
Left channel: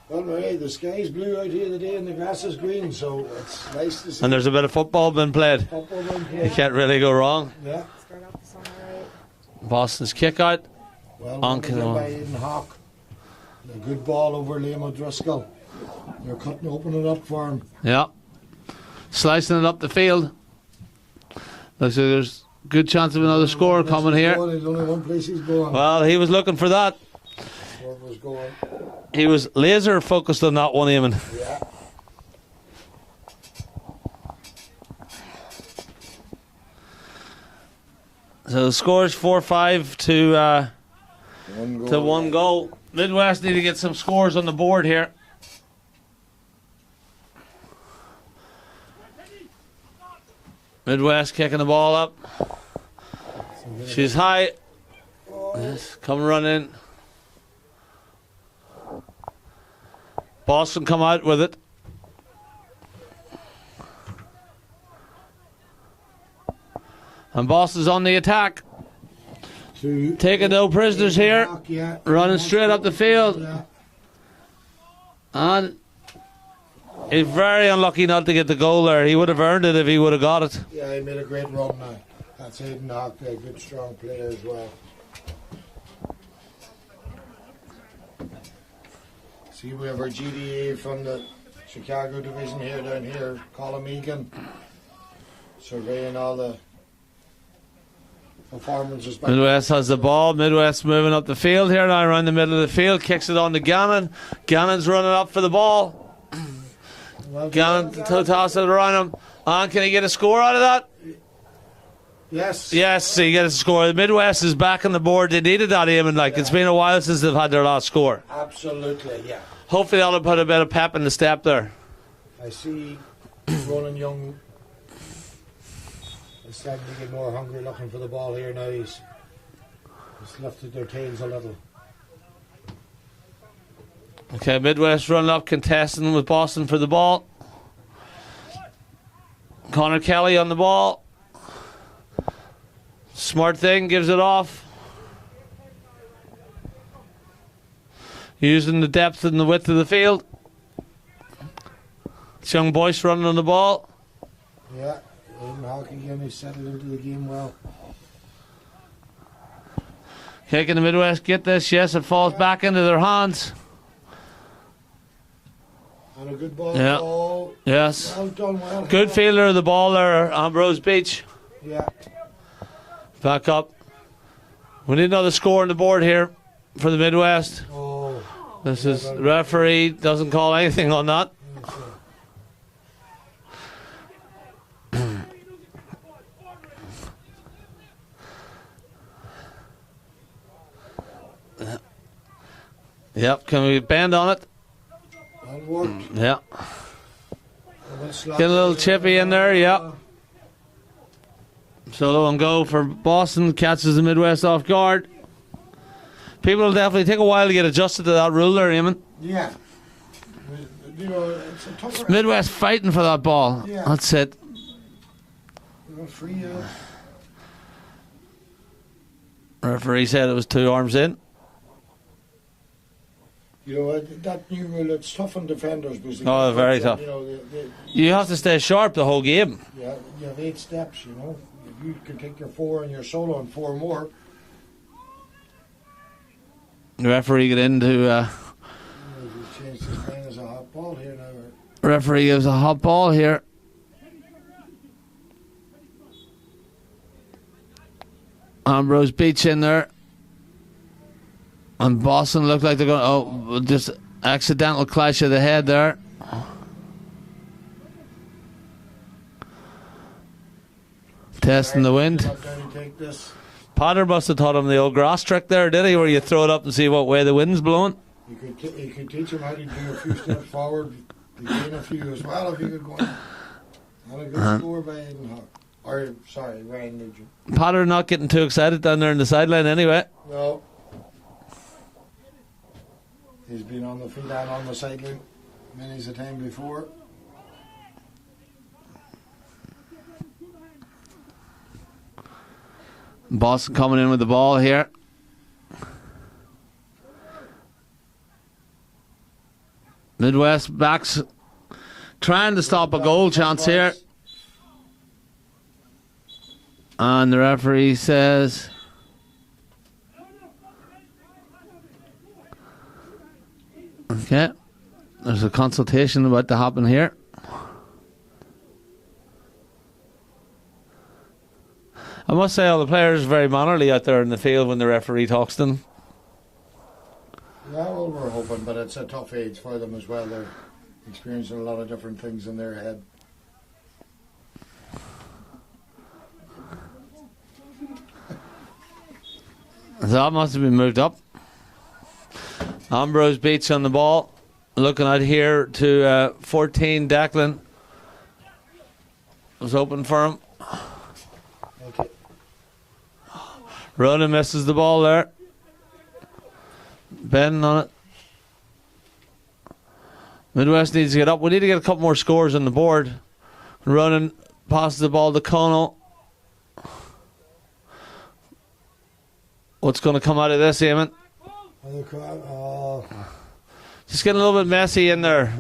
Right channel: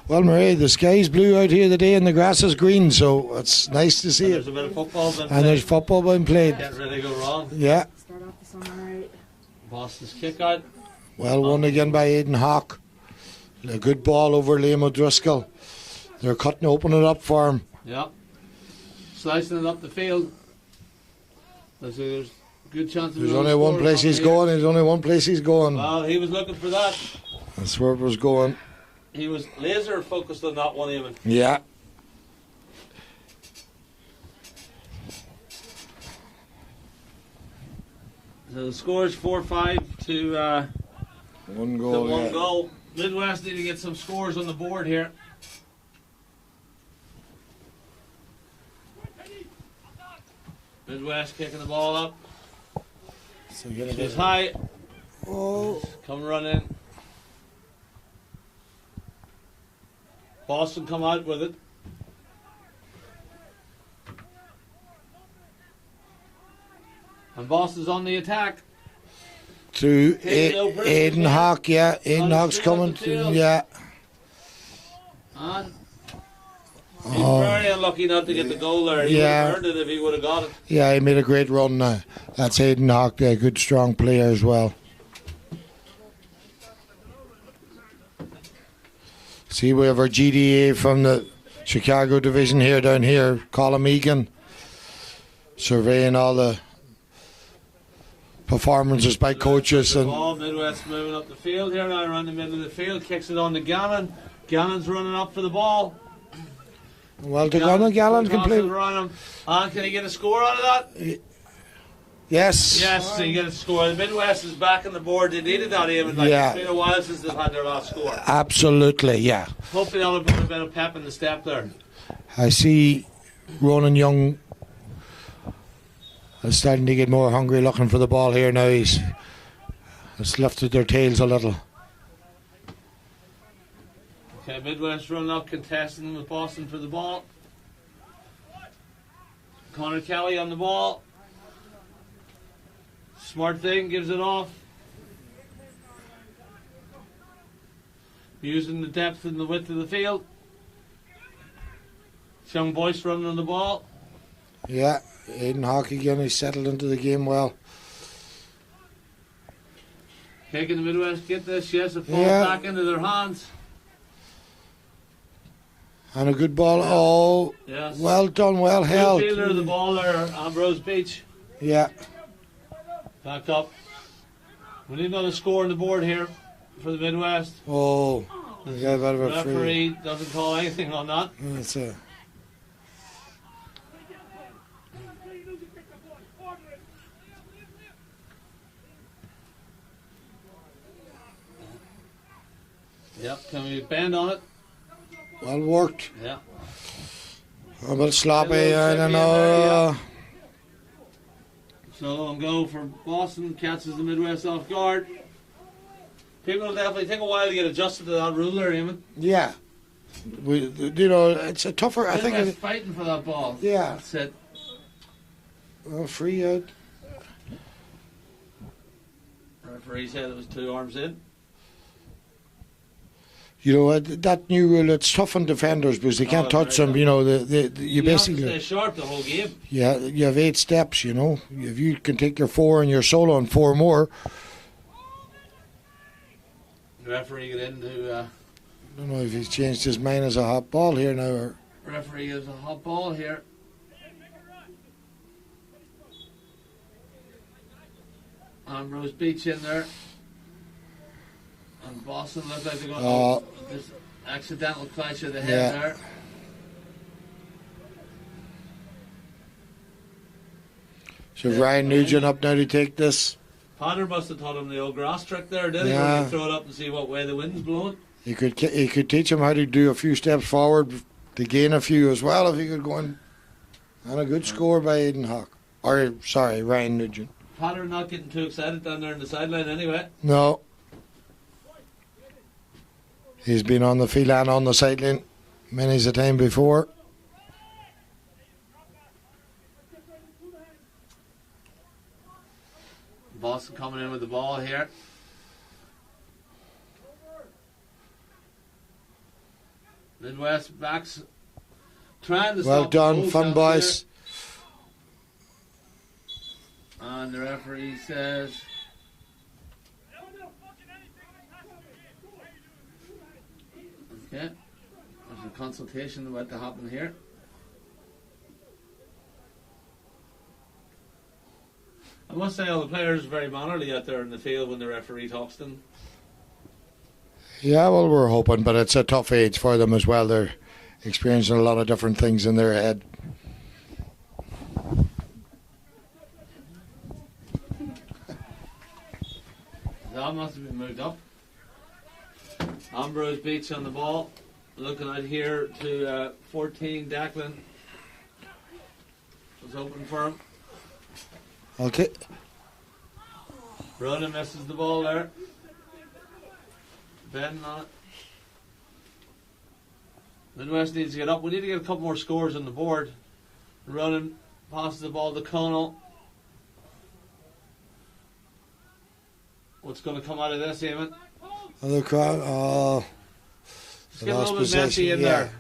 Well, Murray, the sky's blue out here today and the grass is green, so it's nice to see. And there's a bit of football being And played. there's football being played. You can't really go wrong. Yeah. Boston's kick out. Well won again by Aidan Hawke. A good ball over Liam O'Driscoll. They're opening it up for him. Yeah. Slicing it up the field. Looks like there's good chance of another score coming here. There's only one place he's going. Well, he was looking for that. That's where it was going. He was laser focused on that one, Eamon. Yeah. So the score is 4-5 to one Yeah. goal. Midwest need to get some scores on the board here. Midwest kicking the ball up. She's high. Come running. Boston come out with it. And Boston's on the attack. Taking no prisoners here. Hawke, yeah. Running straight up the field. Yeah. And he's very unlucky not to get the goal there. He would have earned it if he would have got it. Yeah, he made a great run now. That's Aidan Hawke there, good strong player as well. See, we have our GDA from the Chicago division here down here, Colin Egan, surveying all the performances by Midwest has coaches. the ball. Midwest moving up the field here now around the middle of the field. Kicks it on to Gannon. Gannon's running up for the ball. Well done, Gannon tosses it around him. And can he get a score out of that? Yes. Yes, he gets a score. The Midwest is back on the board. They needed that, Eamon. It's been a while since they've had their last score. Absolutely, yeah. Hopefully that'll put a bit of pep in the step there. I see Ronan Young is starting to get more hungry looking for the ball here now. He's lifted their tails a little. Okay, Midwest run up, contesting with Boston for the ball. Connor Kelly on the ball. Smart thing, gives it off. Using the depth and the width of the field. It's young Boyce running on the ball. Yeah, Aidan Hawke again. He's settled into the game well. Kicking the Midwest, get this, yes, it falls back into their hands. And a good ball. Yeah. Oh, yes. well done, well Good held. fielder of the ball there, Ambrose Beach. Yeah. Back up. We need another score on the board here for the Midwest. Oh. This Yeah, is but referee doesn't call anything on that. It's Yep, can we bend on it? well worked. Yeah. A bit sloppy. Get a little chippy in there, yeah. Solo and go for Boston, catches the Midwest off guard. People will definitely take a while to get adjusted to that rule there, Eamon. Yeah. It's a tougher. Midwest fighting for that ball. Yeah. That's it. Well, free out. Referee said it was 2 arms in. You know, that new rule, it's tough on defenders because they can't very touch them. tough. You know, You have to stay sharp the whole game. Yeah, you have 8 steps, you know. If you can take your 4 and your solo and 4 more. The referee get into. I don't know if he's changed his mind as a hot ball here now. Or Referee gives a hot ball here. Ambrose Beach in there. And Boston look like they're going. Just accidental clash of the head there. Testing Ryan the wind. Nugent up now to take this. Potter must have taught him the old grass trick there, did he? Where you throw it up and see what way the wind's blowing. He could teach him how to do a few steps forward to gain a few as well if he could go in. And a good score by Aidan Hawke. Uh-huh. Well, worked. Yeah, but you know, it's a tougher. Midwest fighting for that ball. Aidan Hawke. That's it. Or, sorry, Ryan Nugent. Potter not getting too excited down there in the sideline anyway. No. He's been on the field and on the sideline many's a time before. Boston coming in with the ball here. Midwest backs trying to stop a goal chance here. And the referee says okay, there's a consultation about to happen here. I must say all the players are very mannerly out there in the field when the referee talks to them. Yeah, well, we're hoping, but it's a tough age for them as well. They're experiencing a lot of different things in their head. That must have been moved up. Ambrose Beach on the ball. Looking out here to 14, Declan. Was open for him. Okay. Ronan misses the ball there. Ben on it. Midwest needs to get up. We need to get a couple more scores on the board. Ronan passes the ball to Connell. What's going to come out of this, Eamon? Another crowd. Just getting a little bit messy in there.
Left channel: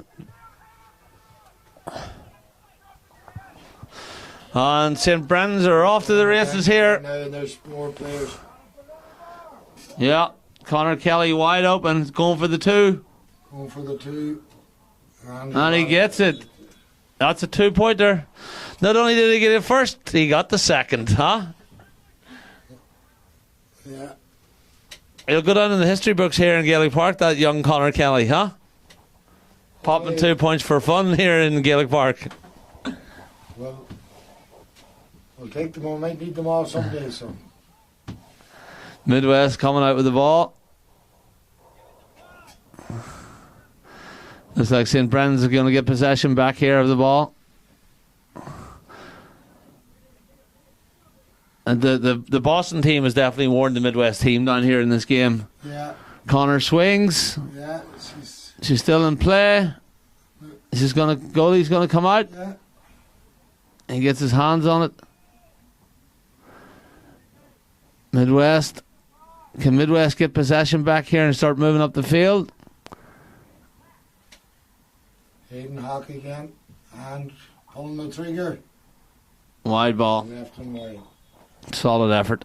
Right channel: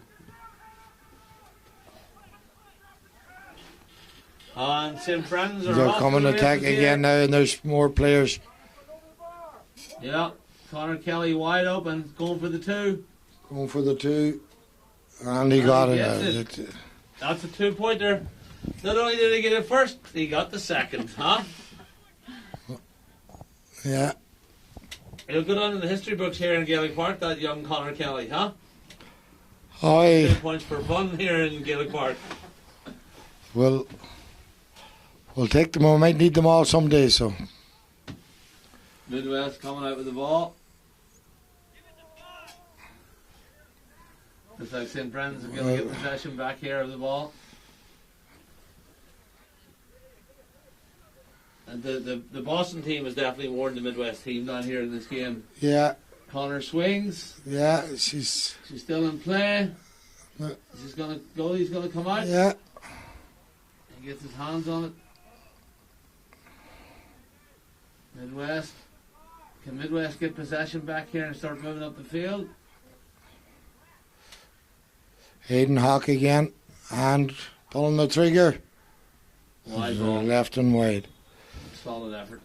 And St. Brendan's are off to the races here. Now, and there's more players. Yeah. Connor Kelly wide open, going for the 2. Going for the 2. And he gets it. That's a 2-pointer. Not only did he get it first, he got the second, huh? Yeah. He'll go down in the history books here in Gaelic Park, that young Connor Kelly, huh? Popping 2 points for fun here in Gaelic Park. We'll take them all. Might need them all someday, so. Midwest coming out with the ball. Looks like St. Brendan's are going to get possession back here of the ball. And the Boston team has definitely warned the Midwest team down here in this game. Yeah. Connor swings. Yeah, she's still in play. She's going to go. He's going to come out. Yeah. He gets his hands on it. Midwest. Can Midwest get possession back here and start moving up the field? Hayden Hawk again. And pulling the trigger. Wide ball. Left and wide. Solid effort.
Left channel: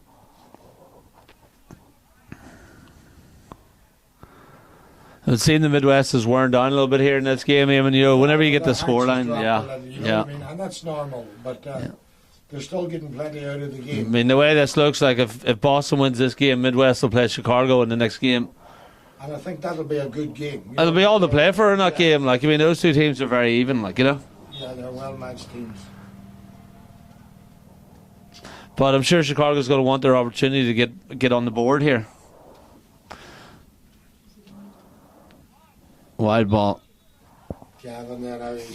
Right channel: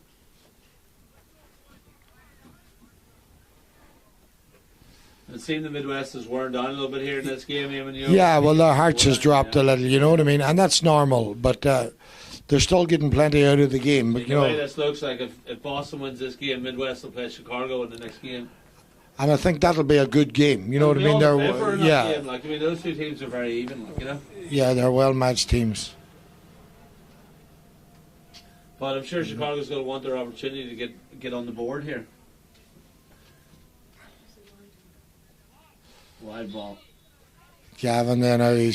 I've seen the Midwest has worn down a little bit here in this game. I mean, you know, whenever you get the hearts score has dropped a little, you know what I mean? And that's normal, but they're still getting plenty out of the game. I mean, the way this looks like, if Boston wins this game, Midwest will play Chicago in the next game. And I think that'll be a good game. You know It'll be all to play for in that yeah. game. Like, I mean, those two teams are very even, like, you know? Yeah, they're well-matched teams. But I'm sure Chicago's going to want their opportunity to get on the board here. Wide ball. Gavin then he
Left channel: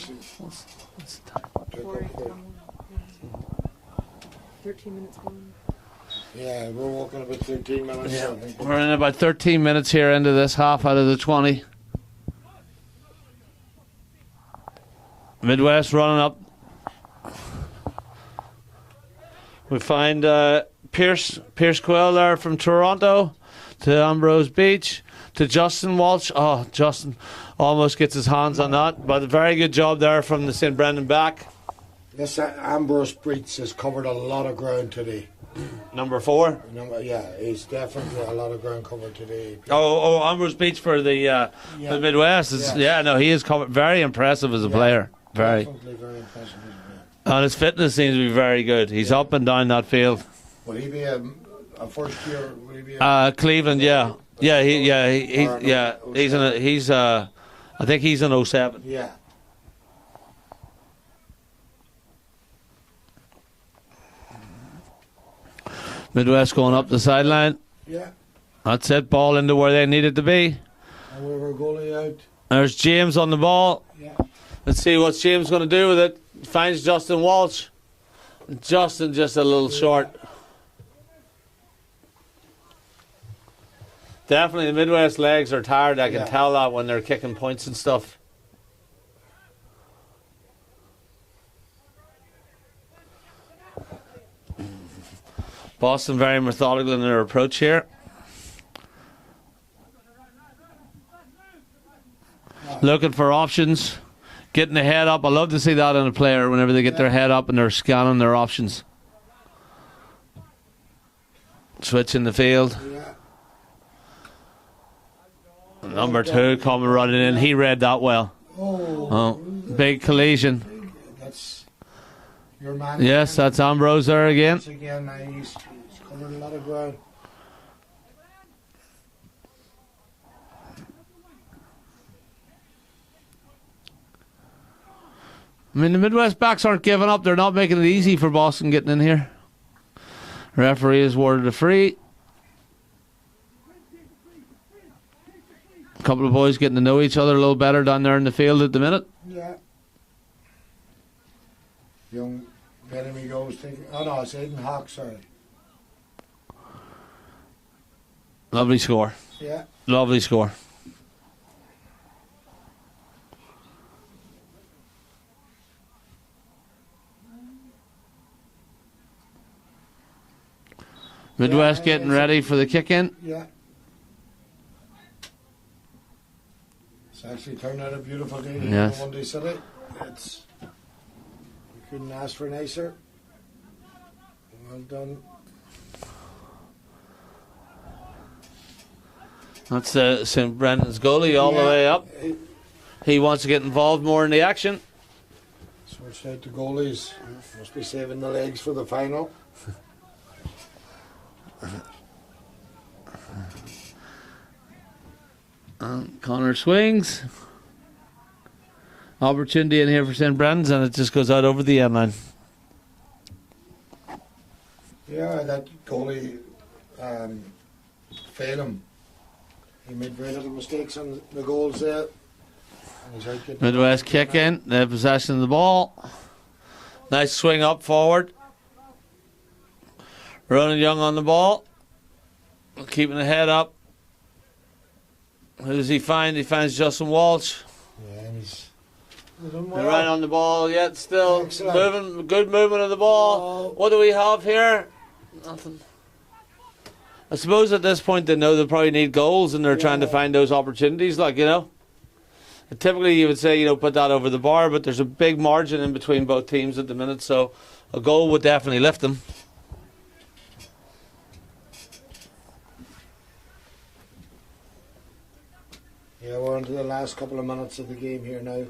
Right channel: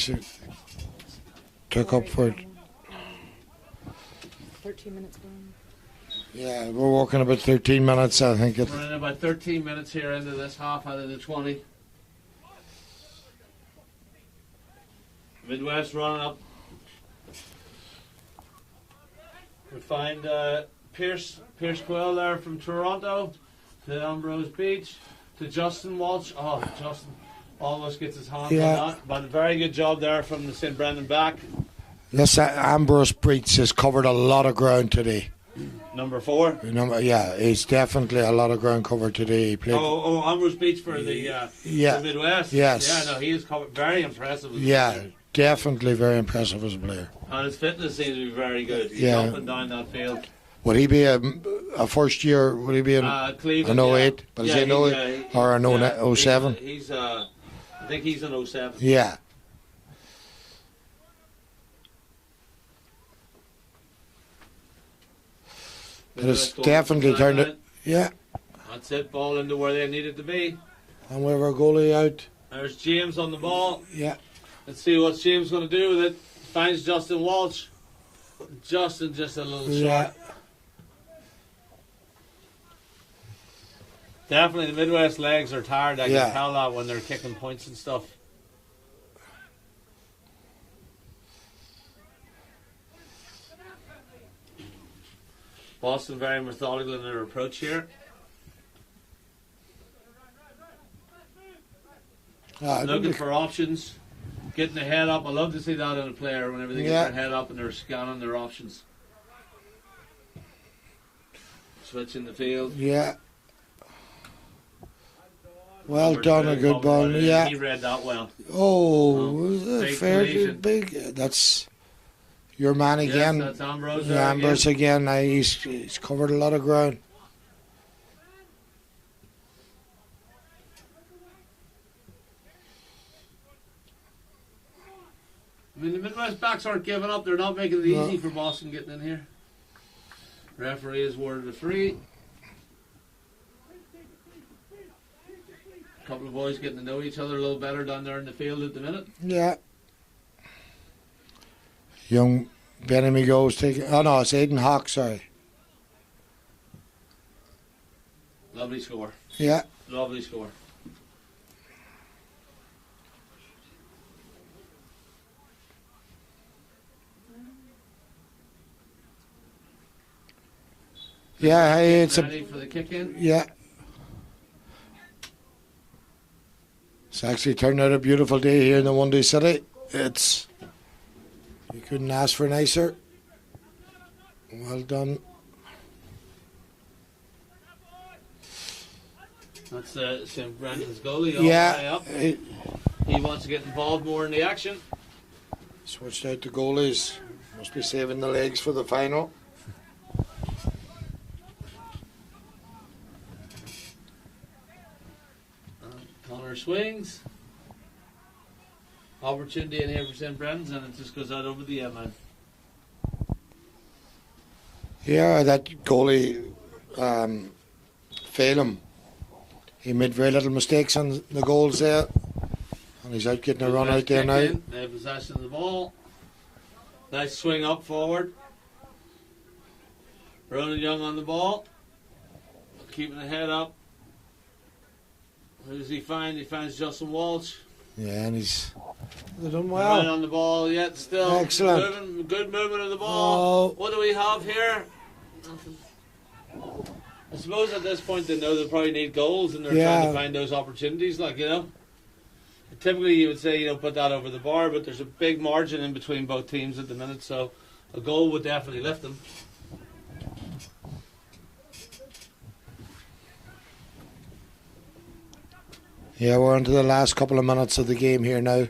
took up for it. 13 minutes gone. Yeah, we're walking about 13 minutes, I think. We're in about 13 minutes here into this half out of the 20. Midwest running up. We find Pierce Quill there from Toronto to Ambrose Beach to Justin Walsh. Oh, Justin almost gets his hands on that, but a very good job there from the St. Brendan back. Yes, Ambrose Beach has covered a lot of ground today. Number 4. Yeah, he's definitely a lot of ground covered today. Ambrose Beach for the Midwest. Yes. Yeah, no, he is covered. Very impressive as a player. Definitely very impressive as a player. And his fitness seems to be very good. He's up and down that field. Would he be a first year? Would he be in Cleveland? an 08? Or an 07? I think he's an 07. Yeah. Midwest going up the sideline. Yeah. That's it. Ball into where they needed to be. And we have our goalie out. There's James on the ball. Yeah. Let's see what James going to do with it. Finds Justin Walsh. Justin just a little short. Definitely the Midwest legs are tired. I can tell that when they're kicking points and stuff. Boston very methodical in their approach here. Looking for options. Getting the head up. I love to see that in a player whenever they get their head up and they're scanning their options. Switching the field. Yeah. Number 2 coming running in. He read that well. Oh, big collision. That's your man again. Yes, that's Ambrose there again. He's covered a lot of ground. I mean, the Midwest backs aren't giving up. They're not making it easy for Boston getting in here. Referee has awarded a free. A couple of boys getting to know each other a little better down there in the field at the minute. Yeah. Young Benemy goes taking. Oh no, it's Aidan Hawk. Sorry. Lovely score. Yeah. Lovely score. Midwest getting ready for the kick in. Yeah. It's actually turned out a beautiful day here in the One Day City. It's, you couldn't ask for nicer. Well done. That's St. Brendan's goalie all the way up. He wants to get involved more in the action. Switched out the goalies. Must be saving the legs for the final. Connor swings. Opportunity in here for St. Brendan's, and it just goes out over the end line. Yeah, that goalie, Phelan, he made very little mistakes on the goals there. And he's out getting Midwest kick in. They have possession of the ball. Nice swing up forward. Ronan Young on the ball. Keeping the head up. Who does he find? He finds Justin Walsh. Yeah, and he's done well. Right on the ball yet still. Excellent. Moving, good movement of the ball. What do we have here? Nothing. I suppose at this point they know they probably need goals and they're trying to find those opportunities, like, you know. Typically you would say, you know, put that over the bar, but there's a big margin in between both teams at the minute, so a goal would definitely lift them. Yeah, we're into the last couple of minutes of the game here now.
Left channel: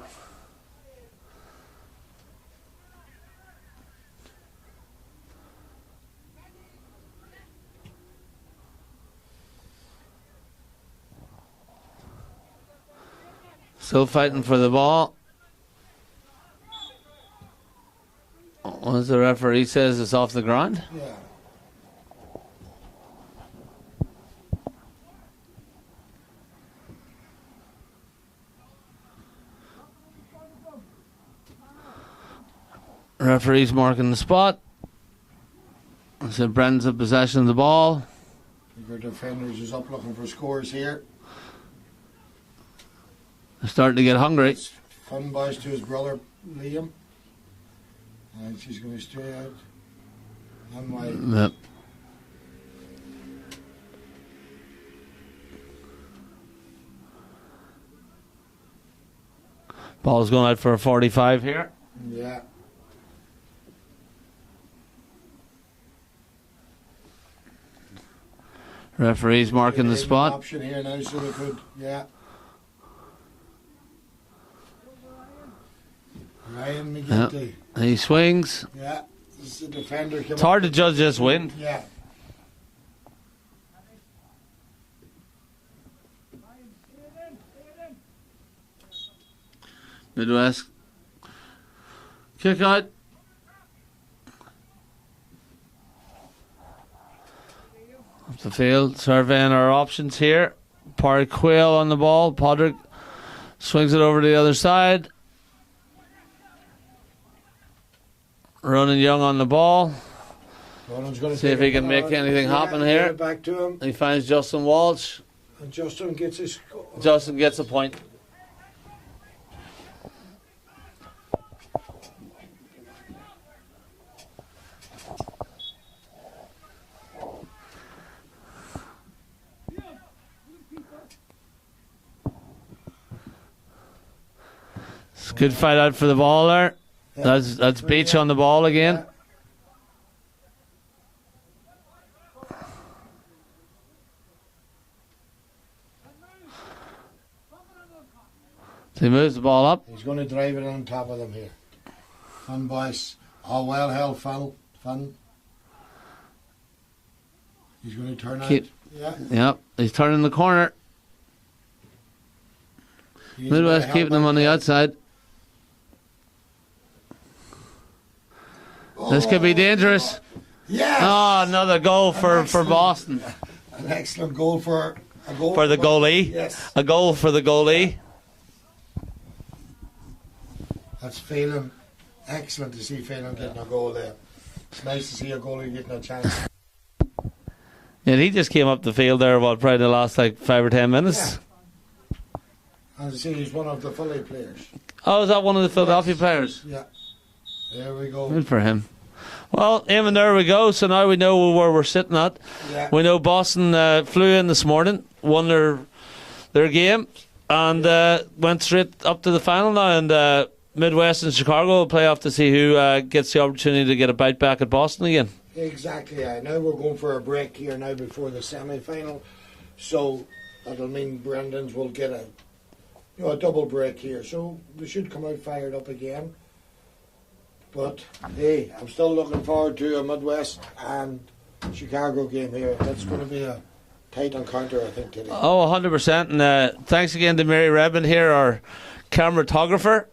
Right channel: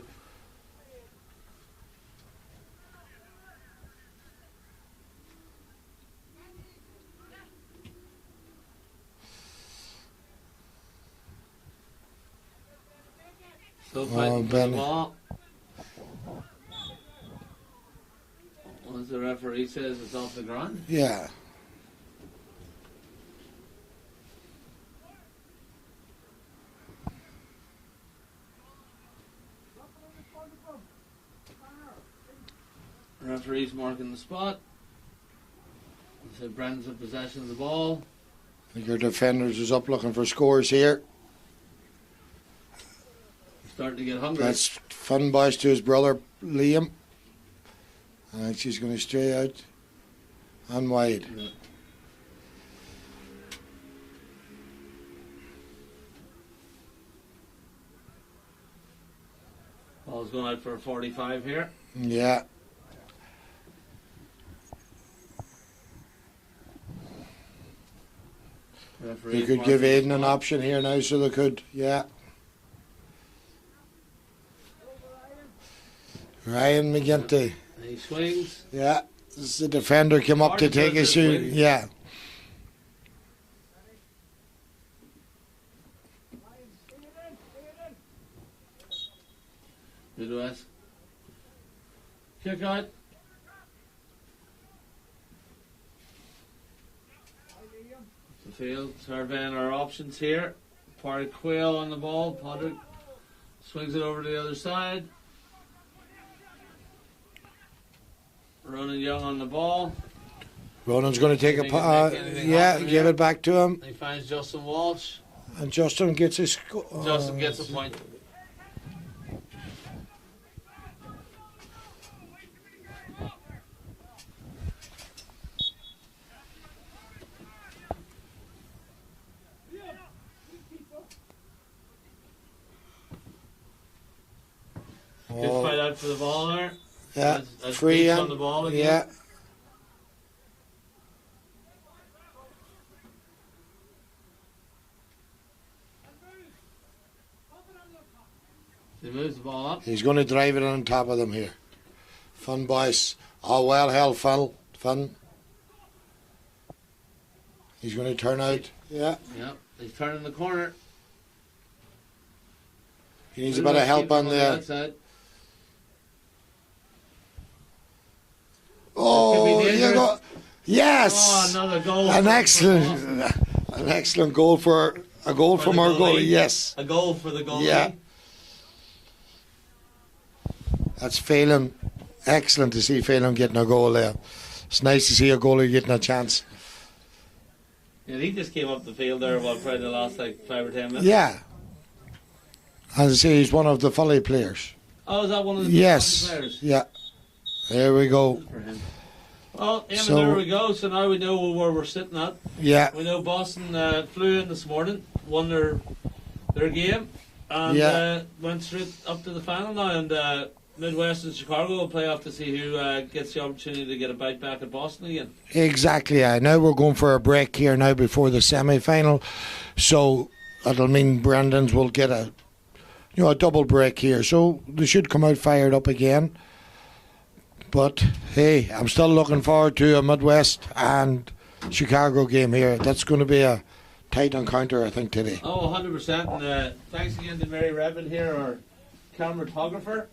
Still fighting for the ball. Once the referee says it's off the ground. Yeah. Referee's marking the spot. So Brendan's in possession of the ball. I think our defenders is up looking for scores here. They're starting to get hungry. That's fun boys to his brother Liam. She's going to stray out and wide. Yep. Ball's going out for a 45 here. Yeah. Referee's marking the spot. An option here now, so they could, Ryan McGinty. Yep. He swings. Yeah, this is the defender came it's up hard to judge take a this swing. win. Yeah. Midwest. Kick out. Up the field, surveying our options here. Parry Quill on the ball. Podrick swings it over to the other side. Ronan Young on the ball. Ronan's going to See take if he can make anything happen give here. it back to him. He finds Justin Walsh. And Justin gets his... Justin gets a point. It's a good fight out for the ball there. Yeah, That's free Beach in. on the ball again. Yeah. So he moves the ball up. He's going to drive it on top of them here. Fun, boys. Oh, well held, Phil. Fun. He's going to turn out. Yeah. Yep, he's turning the corner. He needs a bit of Midwest help keeping him back on the there. outside. Oh, This could be dangerous. you know- Yes. Oh, another goal for Boston. An excellent goal for a goal For the from our goalie. goalie. Yes. A goal for the goalie. Yeah. That's Phelan. Excellent to see Phelan getting a goal there. It's nice to see a goalie getting a chance. And he just came up the field there, probably the last 5 or 10 minutes? Yeah. As I say, he's one of the Foley players. Oh, is that one of the Philadelphia Yes. players? Yeah. There we go. Good for him. Well, Eamon, So- there we go. So now we know where we're sitting at. Yeah. We know Boston flew in this morning, won their game, and Yeah. went straight up to the final now. And Midwest and Chicago will play off to see who gets the opportunity to get a bite back at Boston again. Exactly. Yeah. Now we're going for a break here now before the semi-final. So that'll mean Brandon's will get a double break here. So they should come out fired up again. But hey, I'm still looking forward to a Midwest and Chicago game here. That's going to be a tight encounter, I think, today. Oh, 100%. And thanks again to Mary Redmond here, our cinematographer.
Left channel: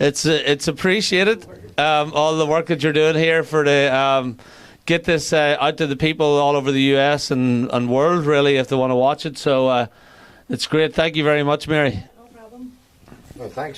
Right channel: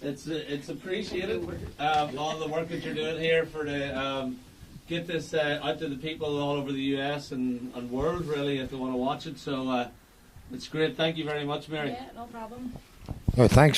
It's appreciated, all the work that you're doing here for the get this out to the people all over the US and world, really, if they want to watch it. So it's great. Thank you very much, Mary. Well, thanks.